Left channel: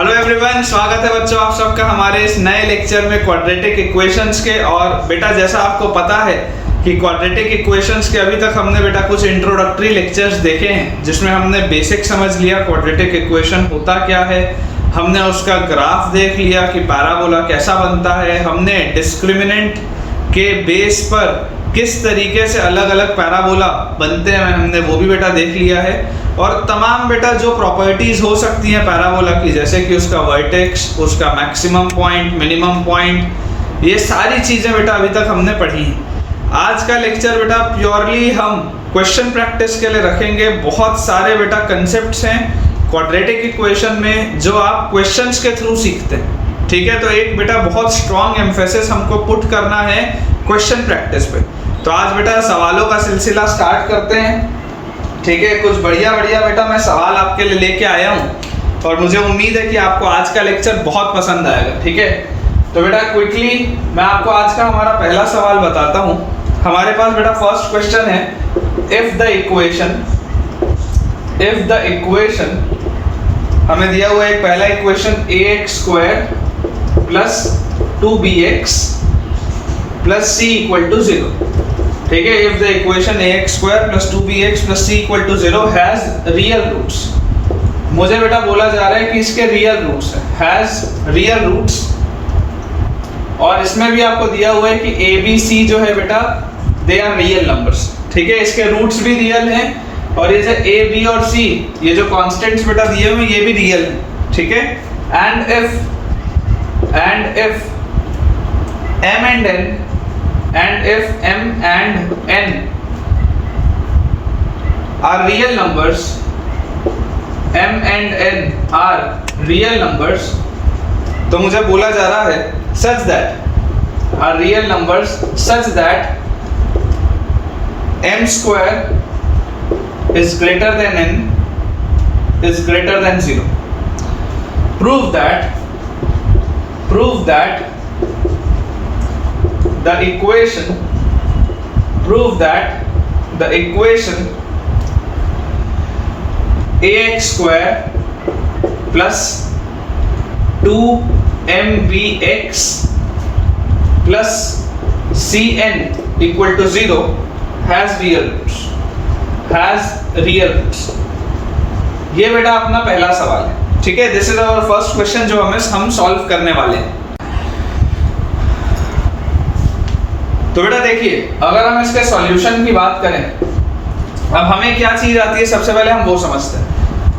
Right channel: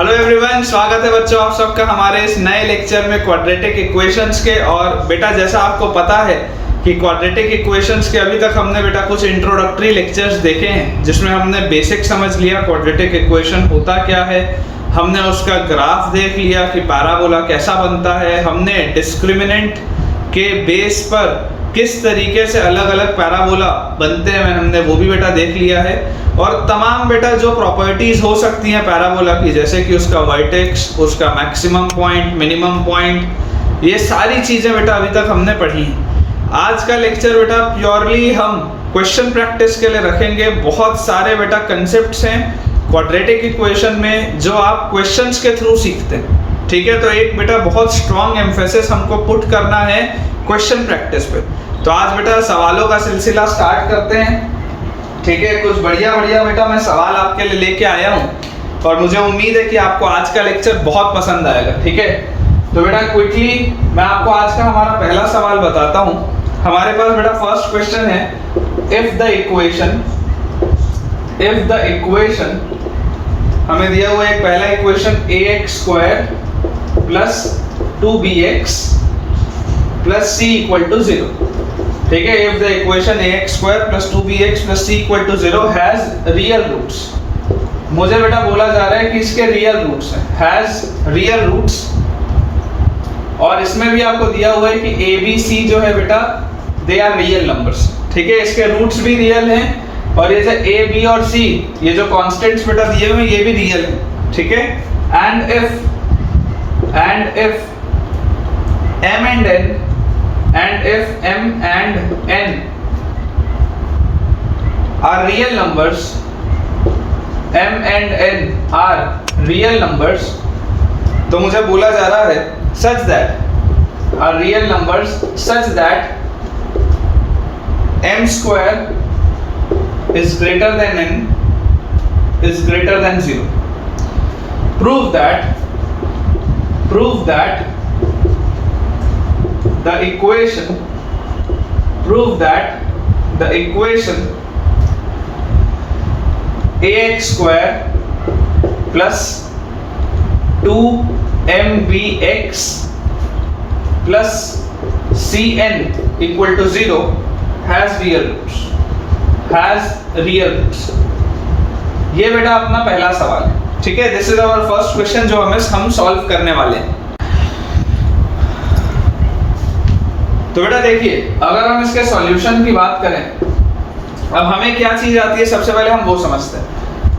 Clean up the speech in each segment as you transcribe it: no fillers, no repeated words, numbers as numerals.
Hello everyone, स्वागत है बच्चों आप सबका हमारे इस नए लेक्चर में क्वाड्रेटिक इक्वेशंस के। और बेटा जैसा आपको पता है कि क्वाड्रेटिक इक्वेशंस के अभी तक हमने बेटा कुछ इंट्रोडक्टरी लेक्चर्स देखे हैं जिसमें हमने बेसिक समझ लिया क्वाड्रेटिक इक्वेशन होता क्या है, हमने उसका ग्राफ देख लिया कि पैराबोला कैसा बनता है, हमने डिस्क्रिमिनेंट के बेस पर किस तरीके से अलग अलग पैराबोला बनते हैं हमने वो भी बेटा देख लिया है। और तमाम बेटा जो प्रॉपर्टीज हो सकती हैं पैराबोला की, जैसे कि उसका वर्टेक्स, उसका मैक्सिमम पॉइंट, मिनिमम पॉइंट, ये सारी चीज़ें बेटा अभी तक हमने पढ़ी हैं। आज का लेक्चर बेटा प्योरली हम क्वेश्चन प्रैक्टिस के लिए रखेंगे। बहुत सारे बेटा कंसेप्ट्स हैं क्वाड्रेटिक इक्वेशन में जो आप क्वेश्चंस के थ्रू सीखते हैं, ठीक है। तो एक बेटा बहुत स्ट्रॉन्ग एम्फेसिस हमको पुट करना है क्वेश्चन प्रैक्टिस पे। तो आज बेटा सवालों का सिलसिला स्टार्ट करते हैं, ठीक है। कुछ बढ़िया बढ़िया बेटा मैं सवाल आपके लिए लेके आया हूँ और मुझे उम्मीद है कि आपको आज का लेक्चर बहुत पसंद आएगा, ठीक है। तो बेटा क्विकली मैं आपको आज का हमारा पहला सवाल बताता हूँ। हमारे पास बेटा फर्स्ट क्वेश्चन है, इफ द इक्वेशन हमें दिया हुआ एक पहला equation ax² plus 2bx plus c equal to 0, ठीक है। If the equation ax² plus 2bx plus c equal to 0 has real roots. मुझे बेटा बोला जा रहा है कि इसके रियल रूट्स हैं, हैज रियल रूट्स। और इसमें भी आपको दिया हुआ है कि a b c जो है बेटा दे आर रियल नंबर्स, ठीक है। इसके रूट्स भी रियल हैं और ये जो a b और c ये जो कांस्टेंट्स बेटा दिए हुए ये भी रियल हैं, ठीक है। And if m and n and if m and n are real numbers, m and n are real numbers, तो मुझे बोला जा रहा है such that are real numbers such that m² is greater than n is greater than 0. Prove that the equation ax² plus 2mbx plus cn equal to 0 has real roots. ये बेटा अपना पहला सवाल है, ठीक है। This is our first question जो हम सॉल्व करने वाले हैं। तो बेटा देखिए, अगर हम इसके सॉल्यूशन की बात करें, अब हमें क्या चीज आती है सबसे पहले हम वो समझते हैं।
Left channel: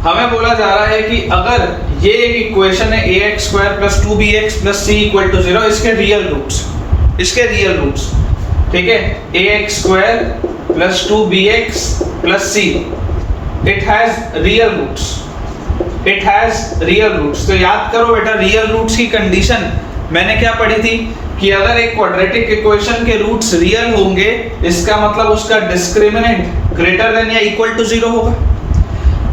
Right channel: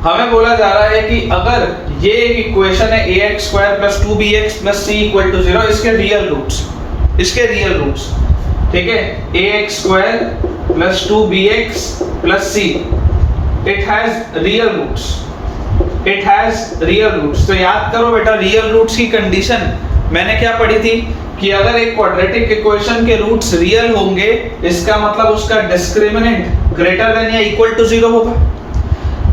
हमें बोला जा रहा है कि अगर ये एक इक्वेशन है ax² plus 2bx plus c equal to 0, इसके रियल रूट्स, ठीक है। ax² plus 2bx plus c it has real roots. तो याद करो बेटा रियल रूट्स की कंडीशन मैंने क्या पढ़ी थी कि अगर एक क्वाड्रेटिक इक्वेशन के रूट्स रियल होंगे इसका मतलब उसका डिस्क्रिमिनेंट ग्रेटर देन या इक्वल टू 0 होगा।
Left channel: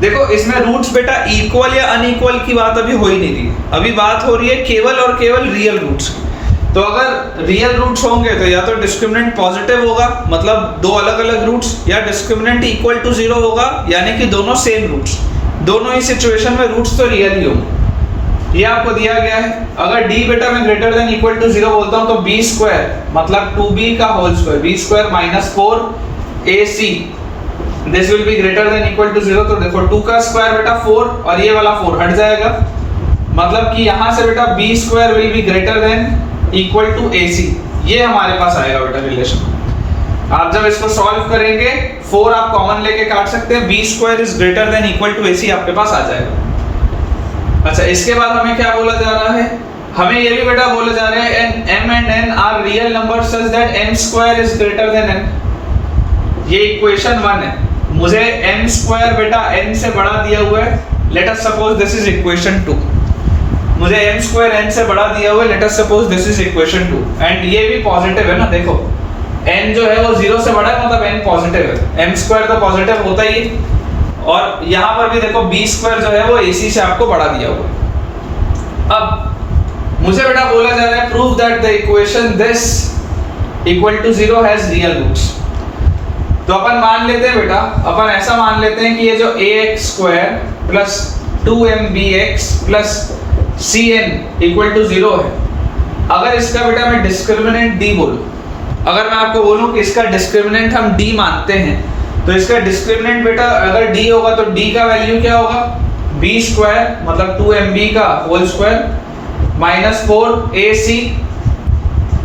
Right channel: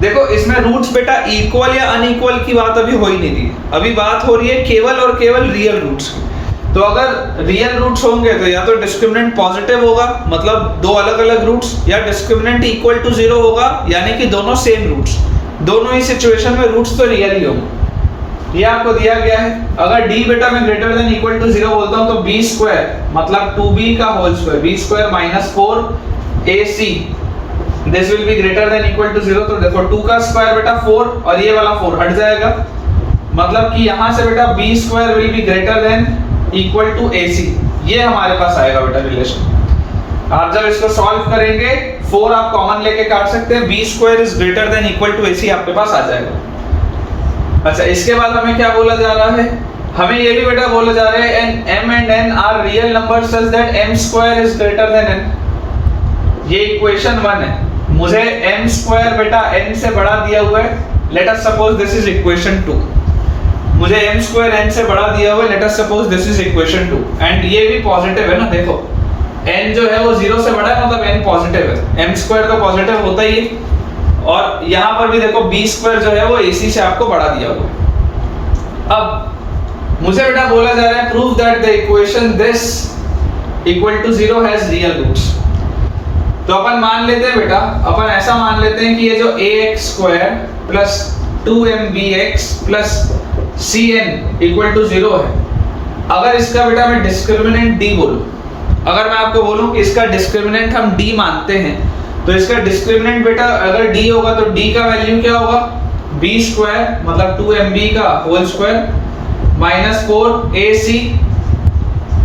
देखो इसमें रूट्स बेटा इक्वल या अनइक्वल की बात अभी हो ही नहीं रही, अभी बात हो रही है केवल और केवल रियल रूट्स की। तो अगर रियल रूट्स होंगे तो या तो डिस्क्रिमिनेंट पॉजिटिव होगा, मतलब दो अलग अलग रूट्स, या डिस्क्रिमिनेंट इक्वल टू 0 होगा, यानी कि दोनों सेम रूट्स। दोनों ही सिचुएशन में रूट्स तो रियल ही होंगे। ये आपको दिया गया है। अगर d बेटा मैं ग्रेटर देन इक्वल टू 0 बोलता हूं तो b² मतलब 2b का whole square, b² minus 4ac this will be greater than equal to 0। तो देखो 2 का स्क्वायर बेटा 4 और ये वाला 4 हट जाएगा, मतलब कि यहां से बेटा b² will be greater than equal to ac। ये हमारे पास आएगा बेटा रिलेशन। आप जब इसको सॉल्व करेंगे 4 आप कॉमन लेके काट सकते हैं, b² is greater than equal to ac आपके पास आ जाएगा। अच्छा, इसके बाद हमें क्या बोला जा रहा है, हमें ये भी बेटा बोला जा रहा है m and n are real numbers such that m² is greater than n। ये इक्वेशन 1 है, मुझे m² बेटा n से बड़ा दिया हुआ है। Let us suppose this is equation 2। मुझे m² n से बड़ा दिया हुआ है, let us suppose this is equation 2 and ये भी पॉजिटिव है ना। देखो n जो है वो 0 से बड़ा है, मतलब n पॉजिटिव है, m² तो पॉजिटिव होता ही है। और यहां पर भी देखो b² जो है वो ac से आपको बढ़ा दिया हुआ। अब मुझे बेटा बोला जा रहा है prove that the equation this equal to 0 has real roots. तो अपन मान लेते हैं बेटा, अपन ऐसा मान लेते हैं कि ये जो ax² plus 2mbx plus cn equal to 0 है। अगर इसका बेटा मैं डिस्क्रिमिनेंट d बोलूं, अगर मैं आपको बोलूं कि इसका डिस्क्रिमिनेंट हम d मानते हैं, तो इसका डिस्क्रिमिनेंट बेटा अगर d होगा तो d का वैल्यू क्या होगा, b स्क्वायर मतलब 2mb का होल स्क्वायर माइनस 4ac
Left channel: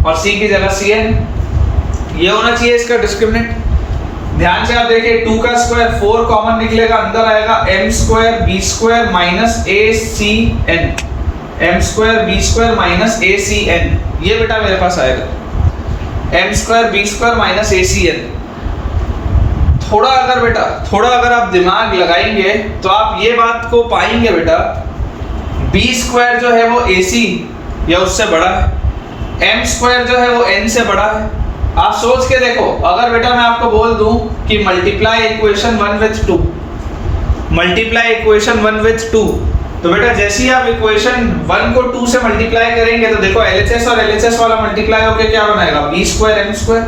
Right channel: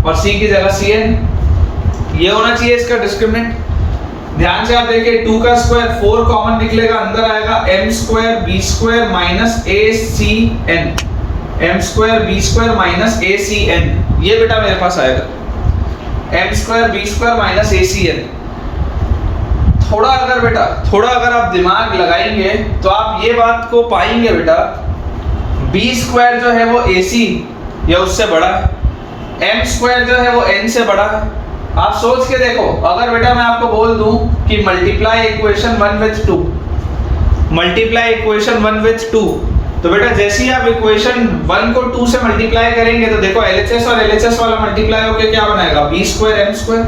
और c की जगह cn, ये होना चाहिए इसका डिस्क्रिमिनेंट। ध्यान से आप देखिए 2 का स्क्वायर 4 कॉमन निकलेगा, अंदर आएगा m square b square minus acn, m square b square minus acn, ये बेटा मेरे पास आएगा m square b square minus acn। थोड़ा अगर आप दिमाग लगाएंगे तो आप ये बात को पाएंगे बेटा, b स्क्वायर जो है वो ac या उससे बड़ा है, m स्क्वायर जो है वो n से बड़ा है। आप सोच के देखो, अगर बेटा मैं आपको बोल दूं कि multiply equation 1 with 2, multiply equation 1 with 2, तो बेटा जैसे ही आप इक्वेशन 1 को 2 से मल्टीप्लाई करेंगे तो देखो LHS और LHS वाला मल्टीप्लाई होके क्या बनाएगा, b स्क्वायर m स्क्वायर,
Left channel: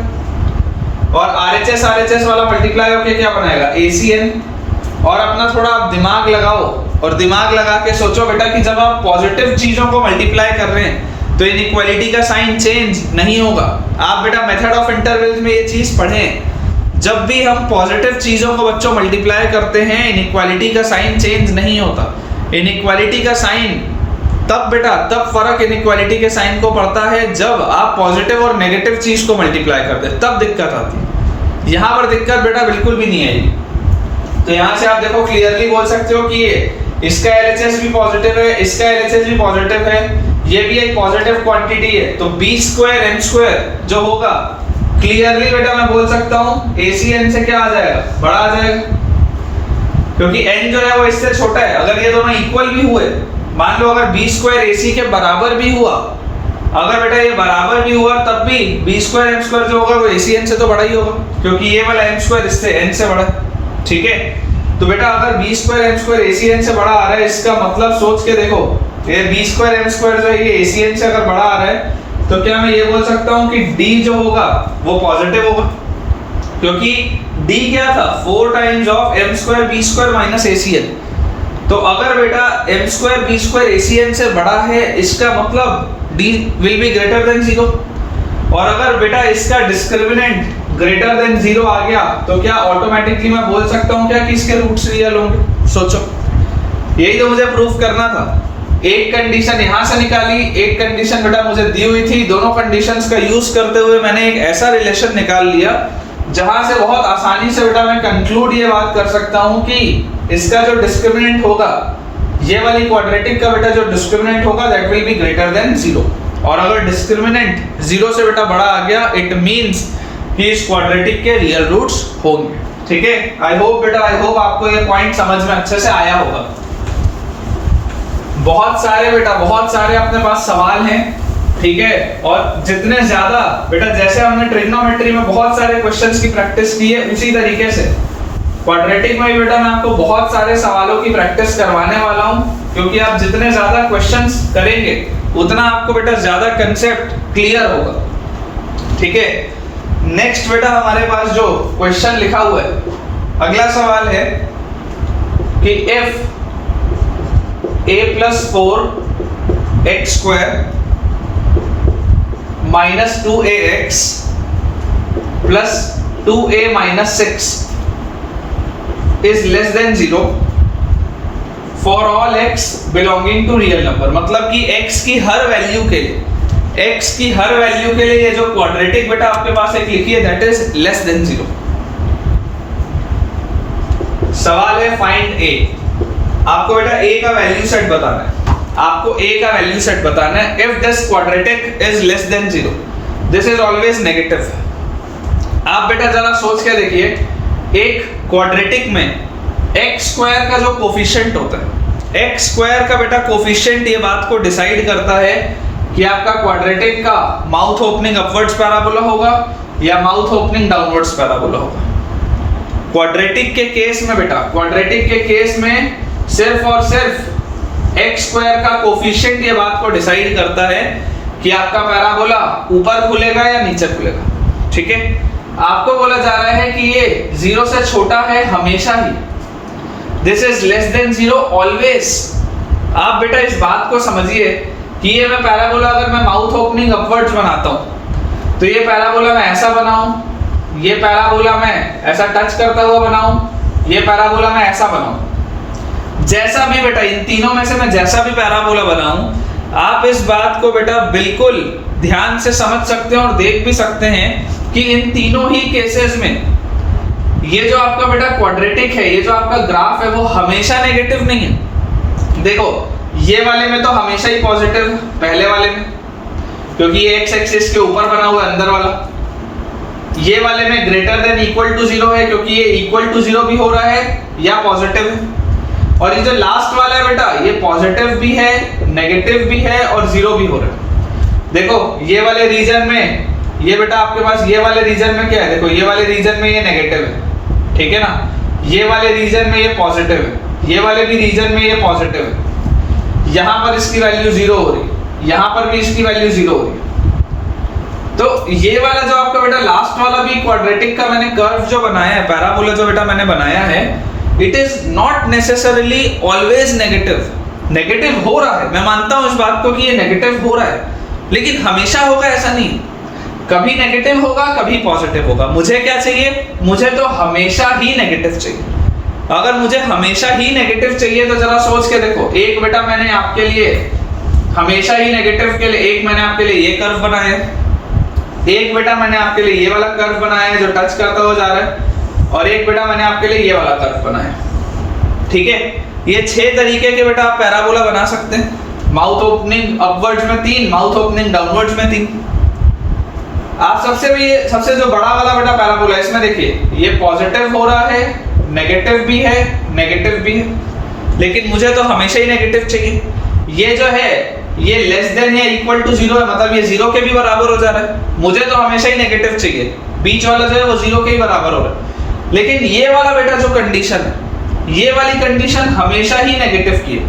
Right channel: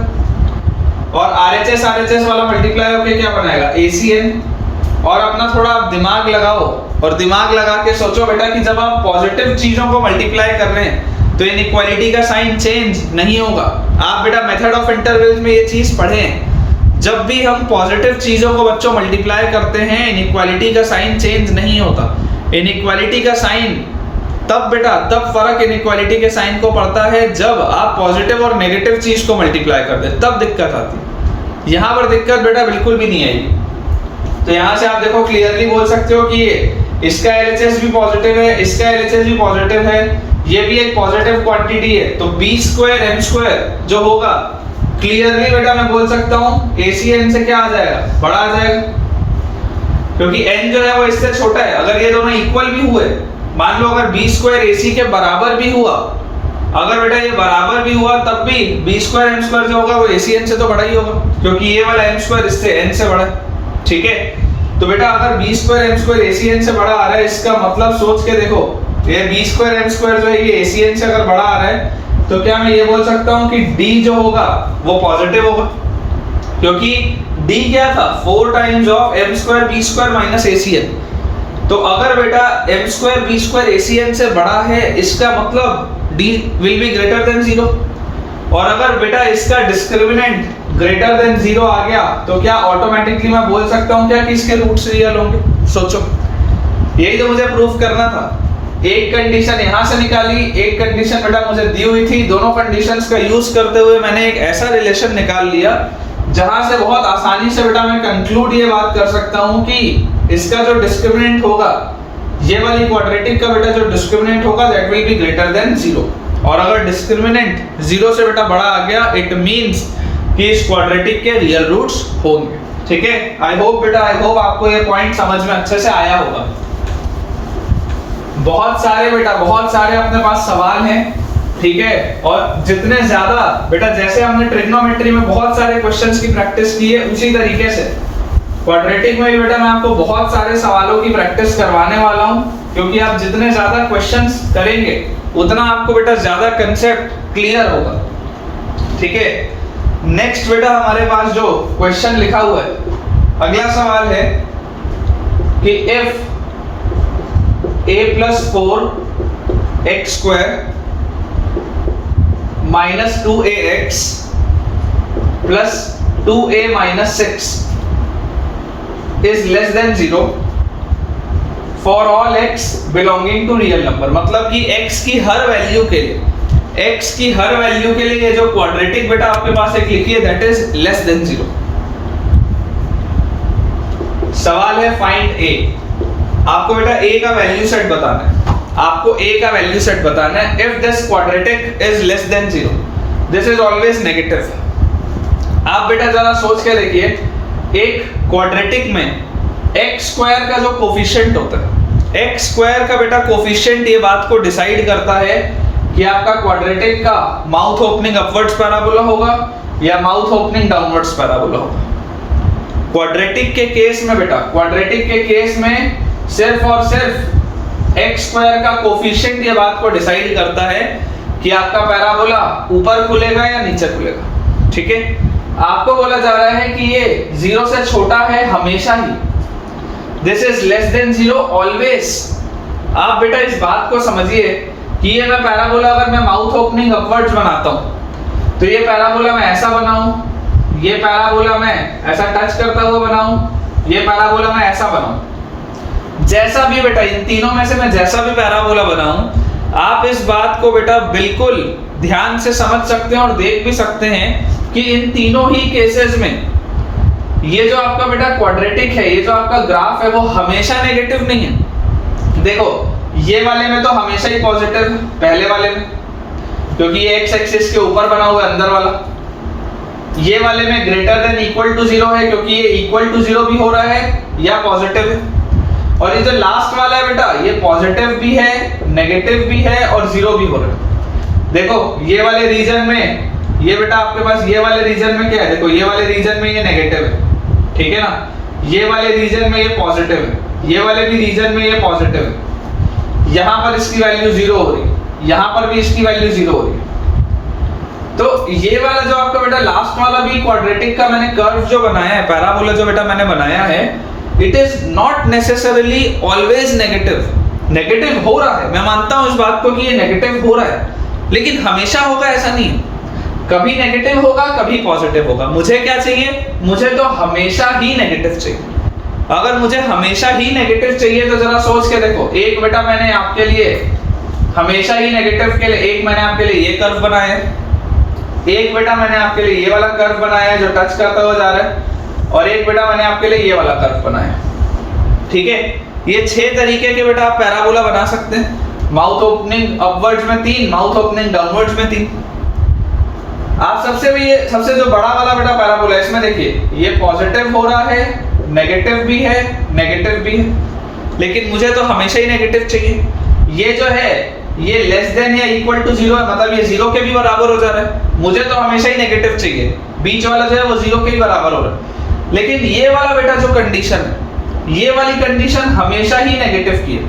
और RHS वाला मल्टीप्लाई होके क्या बनाएगा, ACN। और अपना थोड़ा आप दिमाग लगाओ और दिमाग लगा के सोचो बेटा कि जब आप पॉजिटिव चीजों को मल्टीप्लाई कर रहे हैं तो इनइक्वालिटी का साइन चेंज नहीं होगा। आप बेटा मेथड ऑफ इंटरवल्स में ये चीज पढ़ें, जब भी हम पॉजिटिव चीजों को बच्चों मल्टीप्लाई करते हैं इनइक्वालिटी का साइन चेंज नहीं होता। इनइक्वालिटी का साइन तब फर्क इनइक्वालिटी के साइन को पड़ता है जब आप पॉजिटिव और नेगेटिव चीज को मल्टीप्लाई करते हैं, तब दिक्कत आती है। यहाँ पर दिक्कत बेटा बिल्कुल भी नहीं आएगी। तो यहाँ से आप देखो क्लियरली बोल सकते हो कि ये इसका LHS भी पॉजिटिव है, इसका LHS भी पॉजिटिव है, ये भी एक पॉजिटिव क्वांटिटी है, तो b स्क्वायर m स्क्वायर जो होगा क्लियरली बेटा मैं बोल सकता हूँ ACN से क्या आ जाएगा, बड़ा आ जाएगा, क्योंकि n जो है वो इससे छोटा है। अगर ये दोनों इक्वल भी हुए, मान लो अगर b स्क्वायर AC के बराबर भी हुआ, अगर बेटा ये बराबर भी हुआ तब भी b स्क्वायर m स्क्वायर जो होगा वो ACN से तो बड़ा ही होगा, क्योंकि ये वाला m स्क्वायर इससे n से बड़ा है। ठीक है, तो बेटा अगर b square m square ACN से बड़ा आ रहा है, इसका मतलब सोच के देखो ये b स्क्वायर m स्क्वायर जो है ये ACN से अगर बड़ा आ रहा है, तो क्या मैं ये बोल सकता हूँ कि d जो होगा वो पॉजिटिव होगा, क्योंकि d क्या था 4 times of m square b square minus ACN। तो अगर बेटा m square b square ACN से बड़ा है, इसका मतलब d will be greater than 0। और अगर बेटा इसका डिस्क्रिमिनेंट ग्रेटर देन 0 आ गया तो क्या ऑटोमेटिकली मैं बोल सकता हूँ क्या कि इसके रूट्स रियल होंगे। सोचो, यही तो मुझे प्रूफ करना था। एक कंडीशन यहां से निकाली, एक कंडीशन बेटा मुझे दी हुई थी, दोनों कंडीशंस का यूज करते हुए मैंने एक ऐसा रिलेशन निकाल लिया जहां से बहुत आसानी से बेटा मैं कंक्लूड ये बात कर सकता हूं कि इसका जो डिस्क्रिमिनेंट होगा, ये वाली क्वाड्रेटिक का बेटा जो डिस्क्रिमिनेंट होगा that will be greater than 0। और अगर डिस्क्रिमिनेंट 0 से बेटा बड़ा आ गया, इट मींस कि इस क्वाड्रेटिक के रियल रूट्स होंगे। ठीक है, आई होप आपको ये पॉइंट समझ में अच्छे से आया होगा। बहुत सारे अपने पास सवाल हैं, ठीक है, और जितने ज्यादा बेटा जैसे हमने ट्रिग्नोमेट्री में बहुत सारे क्वेश्चंस की प्रैक्टिस की है, उसी तरीके से क्वाड्रेटिक में भी बेटा मैं आपको बहुत सारे सवालों की प्रैक्टिस करवाने वाला हूं, क्योंकि आप जितने ज्यादा क्वेश्चंस करेंगे उतना आपको बेटा ज्यादा कंसेप्ट क्लियर होगा। ठीक है, नेक्स्ट बेटा हमारे पास जो क्वेश्चन लिखा हुआ है, अगला सवाल है कि if a plus 4 x square minus 2ax plus 2a minus 6 is less than 0 for all x belonging to real number। मतलब कि x की हर वैल्यू के लिए ये जो क्वाड्रेटिक बेटा आपके पास एक लिखी है दैट इज लेस देन 0। सवाल है फाइंड a। आपको बेटा a का वैल्यू सेट बताना है, if this quadratic is less than 0, this is always negative. आप बेटा जरा सोच के देखिए, एक क्वाड्रेटिक में x स्क्वायर का जो कोफिशिएंट होता है, x स्क्वायर का बेटा कोफिशिएंट ये बात को डिसाइड करता है कि आपका क्वाड्रेटिक का माउथ ओपनिंग अपवर्ड्स पैराबोला होगा या माउथ ओपनिंग डाउनवर्ड्स पैराबोला होगा। क्वाड्रेटिक के केस में सिर्फ और सिर्फ x स्क्वायर का कोफिशिएंट ये बात को डिसाइड करता है कि आपका पैराबोला ऊपर खुलेगा या नीचे खुलेगा। ठीक है, आपको बोला जा रहा है कि ये 0 से छोटा है हमेशा ही। This is less than 0 always. आप बेटा इस बात को समझिए कि ये मैं पैराबोला अगर मैं माउथ ओपनिंग अपवर्ड्स बनाता हूं तो ये पैराबोला मैं ऐसा बनाऊं, ये पैराबोला मैं ऐसा टच करता हुआ बनाऊं, ये पैराबोला मैं ऐसा बनाऊं, जैसा भी बेटा इन तीनों में से मैं जैसा भी पैराबोला बनाऊं, आप इस बात को बेटा बिल्कुल ध्यान से समझ सकते हैं और देख भी सकते हैं कि इन तीनों ही केसेस में ये जो आपका बेटा क्वाड्रेटिक है, ये जो आपका ग्राफ है, वो हमेशा नेगेटिव नहीं है। देखो ये वाले में तो हमेशा ही पॉजिटिव है, पहले वाले में, क्योंकि ये एक्स एक्सिस के ऊपर बना हुआ है अंदर वाला। ये वाले में ग्रेटर देन इक्वल टू 0 है, क्योंकि ये इक्वल टू 0 भी हो रहा है या पॉजिटिव है। और ये जो लास्ट वाला है बेटा, ये पॉजिटिव भी है, नेगेटिव भी है और 0 भी हो रहा है। देखो ये वाले रीजन में ये बेटा आपके पास ये वाले रीजन में क्या है, देखो ये वाले रीजन में ये नेगेटिव है, ठीक है ना, ये वाले रीजन में ये पॉजिटिव है, ये वाले भी रीजन में ये पॉजिटिव है। यहां पर इसकी वैल्यू 0 हो रही है, यहां पर भी इसकी वैल्यू 0 हो रही है। तो ये वाला जो आपका बेटा लास्ट वाला भी क्वाड्रेटिक का मैंने कर्व जो बनाया है, पैराबोला जो बेटा मैंने बनाया है, it is not necessarily always negative. Negative हो रहा है, मैं मानता हूं इस बात को कि ये नेगेटिव हो रहा है, लेकिन हमेशा होगा ऐसा नहीं। कभी नेगेटिव होगा, कभी पॉजिटिव होगा। मुझे क्या चाहिए, मुझे तो हमेशा ही नेगेटिव चाहिए। अगर मुझे हमेशा ही नेगेटिव चाहिए तो जरा सोच के देखो, एक बेटा मैंने आपके लिए हमेशा ही नेगेटिव के लिए एक मैंने आपके लिए ये कर्व बनाया है, एक बेटा मैंने आपके लिए ये वाला कर्व बनाया है जो टच करता हुआ जा रहा है, और एक बेटा मैंने आपके लिए ये वाला कर्व बनाया है, ठीक है। ये 6 तरीके के बेटा आप पैराबोला बना सकते हैं। माउथ ओपनिंग अपवर्ड्स में 3, माउथ ओपनिंग डाउनवर्ड्स में 3। आप सबसे जो बड़ा वाला बेटा पैराबोला, इसमें देखिए ये पॉजिटिव हो रहा है, नेगेटिव भी है, नेगेटिव भी है, लेकिन मुझे तो हमेशा ही नेगेटिव चाहिए। ये जो है ये लेस देन या इक्वल टू 0 है, मतलब ये 0 के भी बराबर हो जा रहा है। मुझे तो हमेशा ही नेगेटिव चाहिए, बीच वाला जो है वो 0 के ही बराबर हो रहा है। लेकिन ये वाला बेटा जो कंडीशन है, ये वाली कंडीशन हमेशा ही नेगेटिव की है।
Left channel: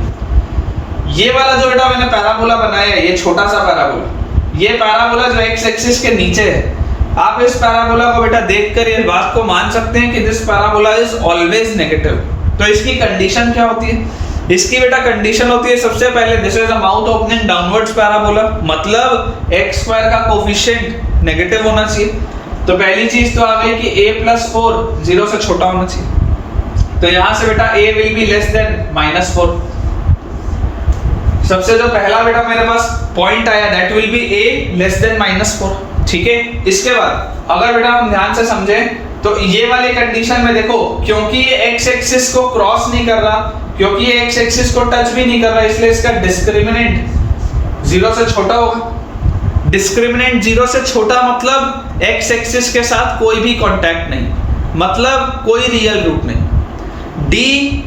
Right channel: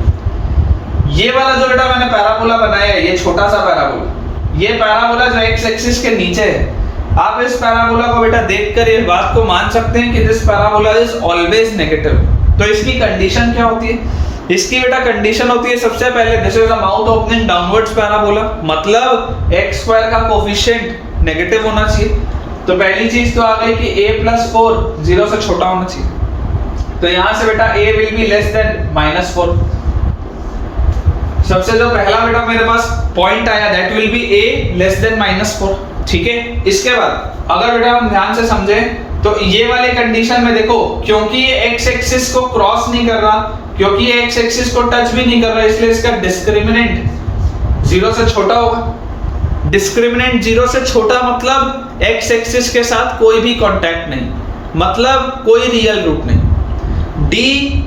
ये वाला जो बेटा मैंने पैराबोला बनाया है, ये छोटा सा पैराबोला, ये पैराबोला जो एक्स एक्सिस के नीचे है, आप इस पैराबोला को बेटा देखकर ये बात को मान सकते हैं कि this parabola is always negative. तो इसकी कंडीशन क्या होती है, इसकी बेटा कंडीशन होती है सबसे पहले this is a mouth opening downwards parabola, मतलब x स्क्वायर का कोफिशिएंट नेगेटिव होना चाहिए। तो पहली चीज तो आ गई कि a+4 0 से छोटा होना चाहिए। तो यहां से बेटा a will be less than -4। सबसे जो पहला बेटा मेरे पास पॉइंट आया that will B a less than -4, ठीक है। इसके बाद अगर बेटा हम ध्यान से समझें तो ये वाली कंडीशन में देखो, क्योंकि ये x एक्सिस को क्रॉस नहीं कर रहा, क्योंकि ये x एक्सिस को टच भी नहीं कर रहा, इसलिए इसका डिस्क्रिमिनेंट 0 से छोटा होगा। डिस्क्रिमिनेंट 0 से छोटा मतलब x एक्सिस के साथ कोई भी कांटेक्ट नहीं, मतलब कोई रियल रूट नहीं। d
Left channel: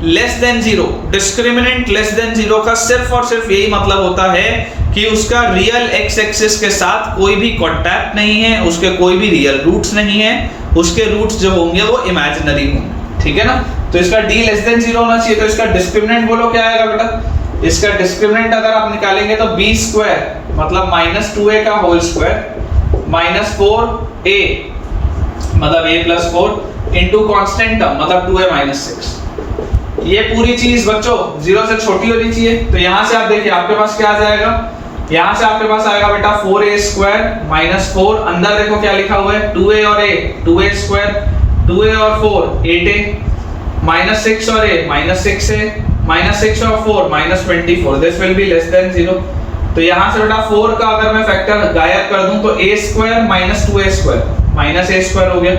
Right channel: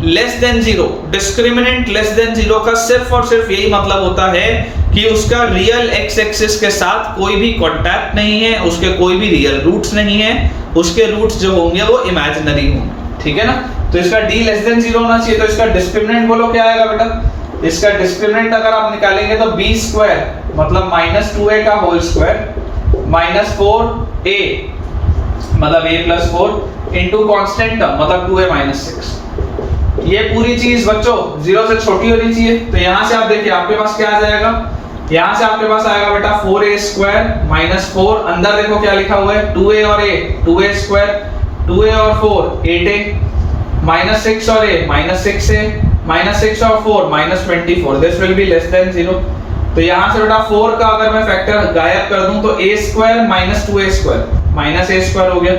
less than 0, discriminant less than 0 का सिर्फ और सिर्फ यही मतलब होता है कि उसका रियल x एक्सिस के साथ कोई भी कांटेक्ट नहीं है, उसके कोई भी रियल रूट्स नहीं है, उसके रूट्स जो होंगे वो इमेजिनरी होंगे, ठीक है ना। तो इसका d लेस देन 0 होना चाहिए। तो इसका डिस्क्रिमिनेंट बोलो क्या आएगा बेटा, इसका डिस्क्रिमिनेंट अगर आप निकालेंगे तो b स्क्वायर मतलब -2a का होल स्क्वायर -4a मतलब a+4 इनटू कांस्टेंट टर्म मतलब 2a - 6। ये पूरी चीज बच्चों 0 से छोटी होनी चाहिए। तो यहां से आप देखिए आपके पास क्या आ जाएगा, यहां से आपके पास आएगा बेटा 4a स्क्वायर -4, अंदर देखो क्या लिखा हुआ है 2a और a, 2a स्क्वायर 2a और 4 8a, -6 और a -6a, -6 और 4 -24, this will be less than 0। तो यहां से बेटा 4 का अगर मैं फैक्टर गायब कर दूं तो a square -2a square -a square हो गया,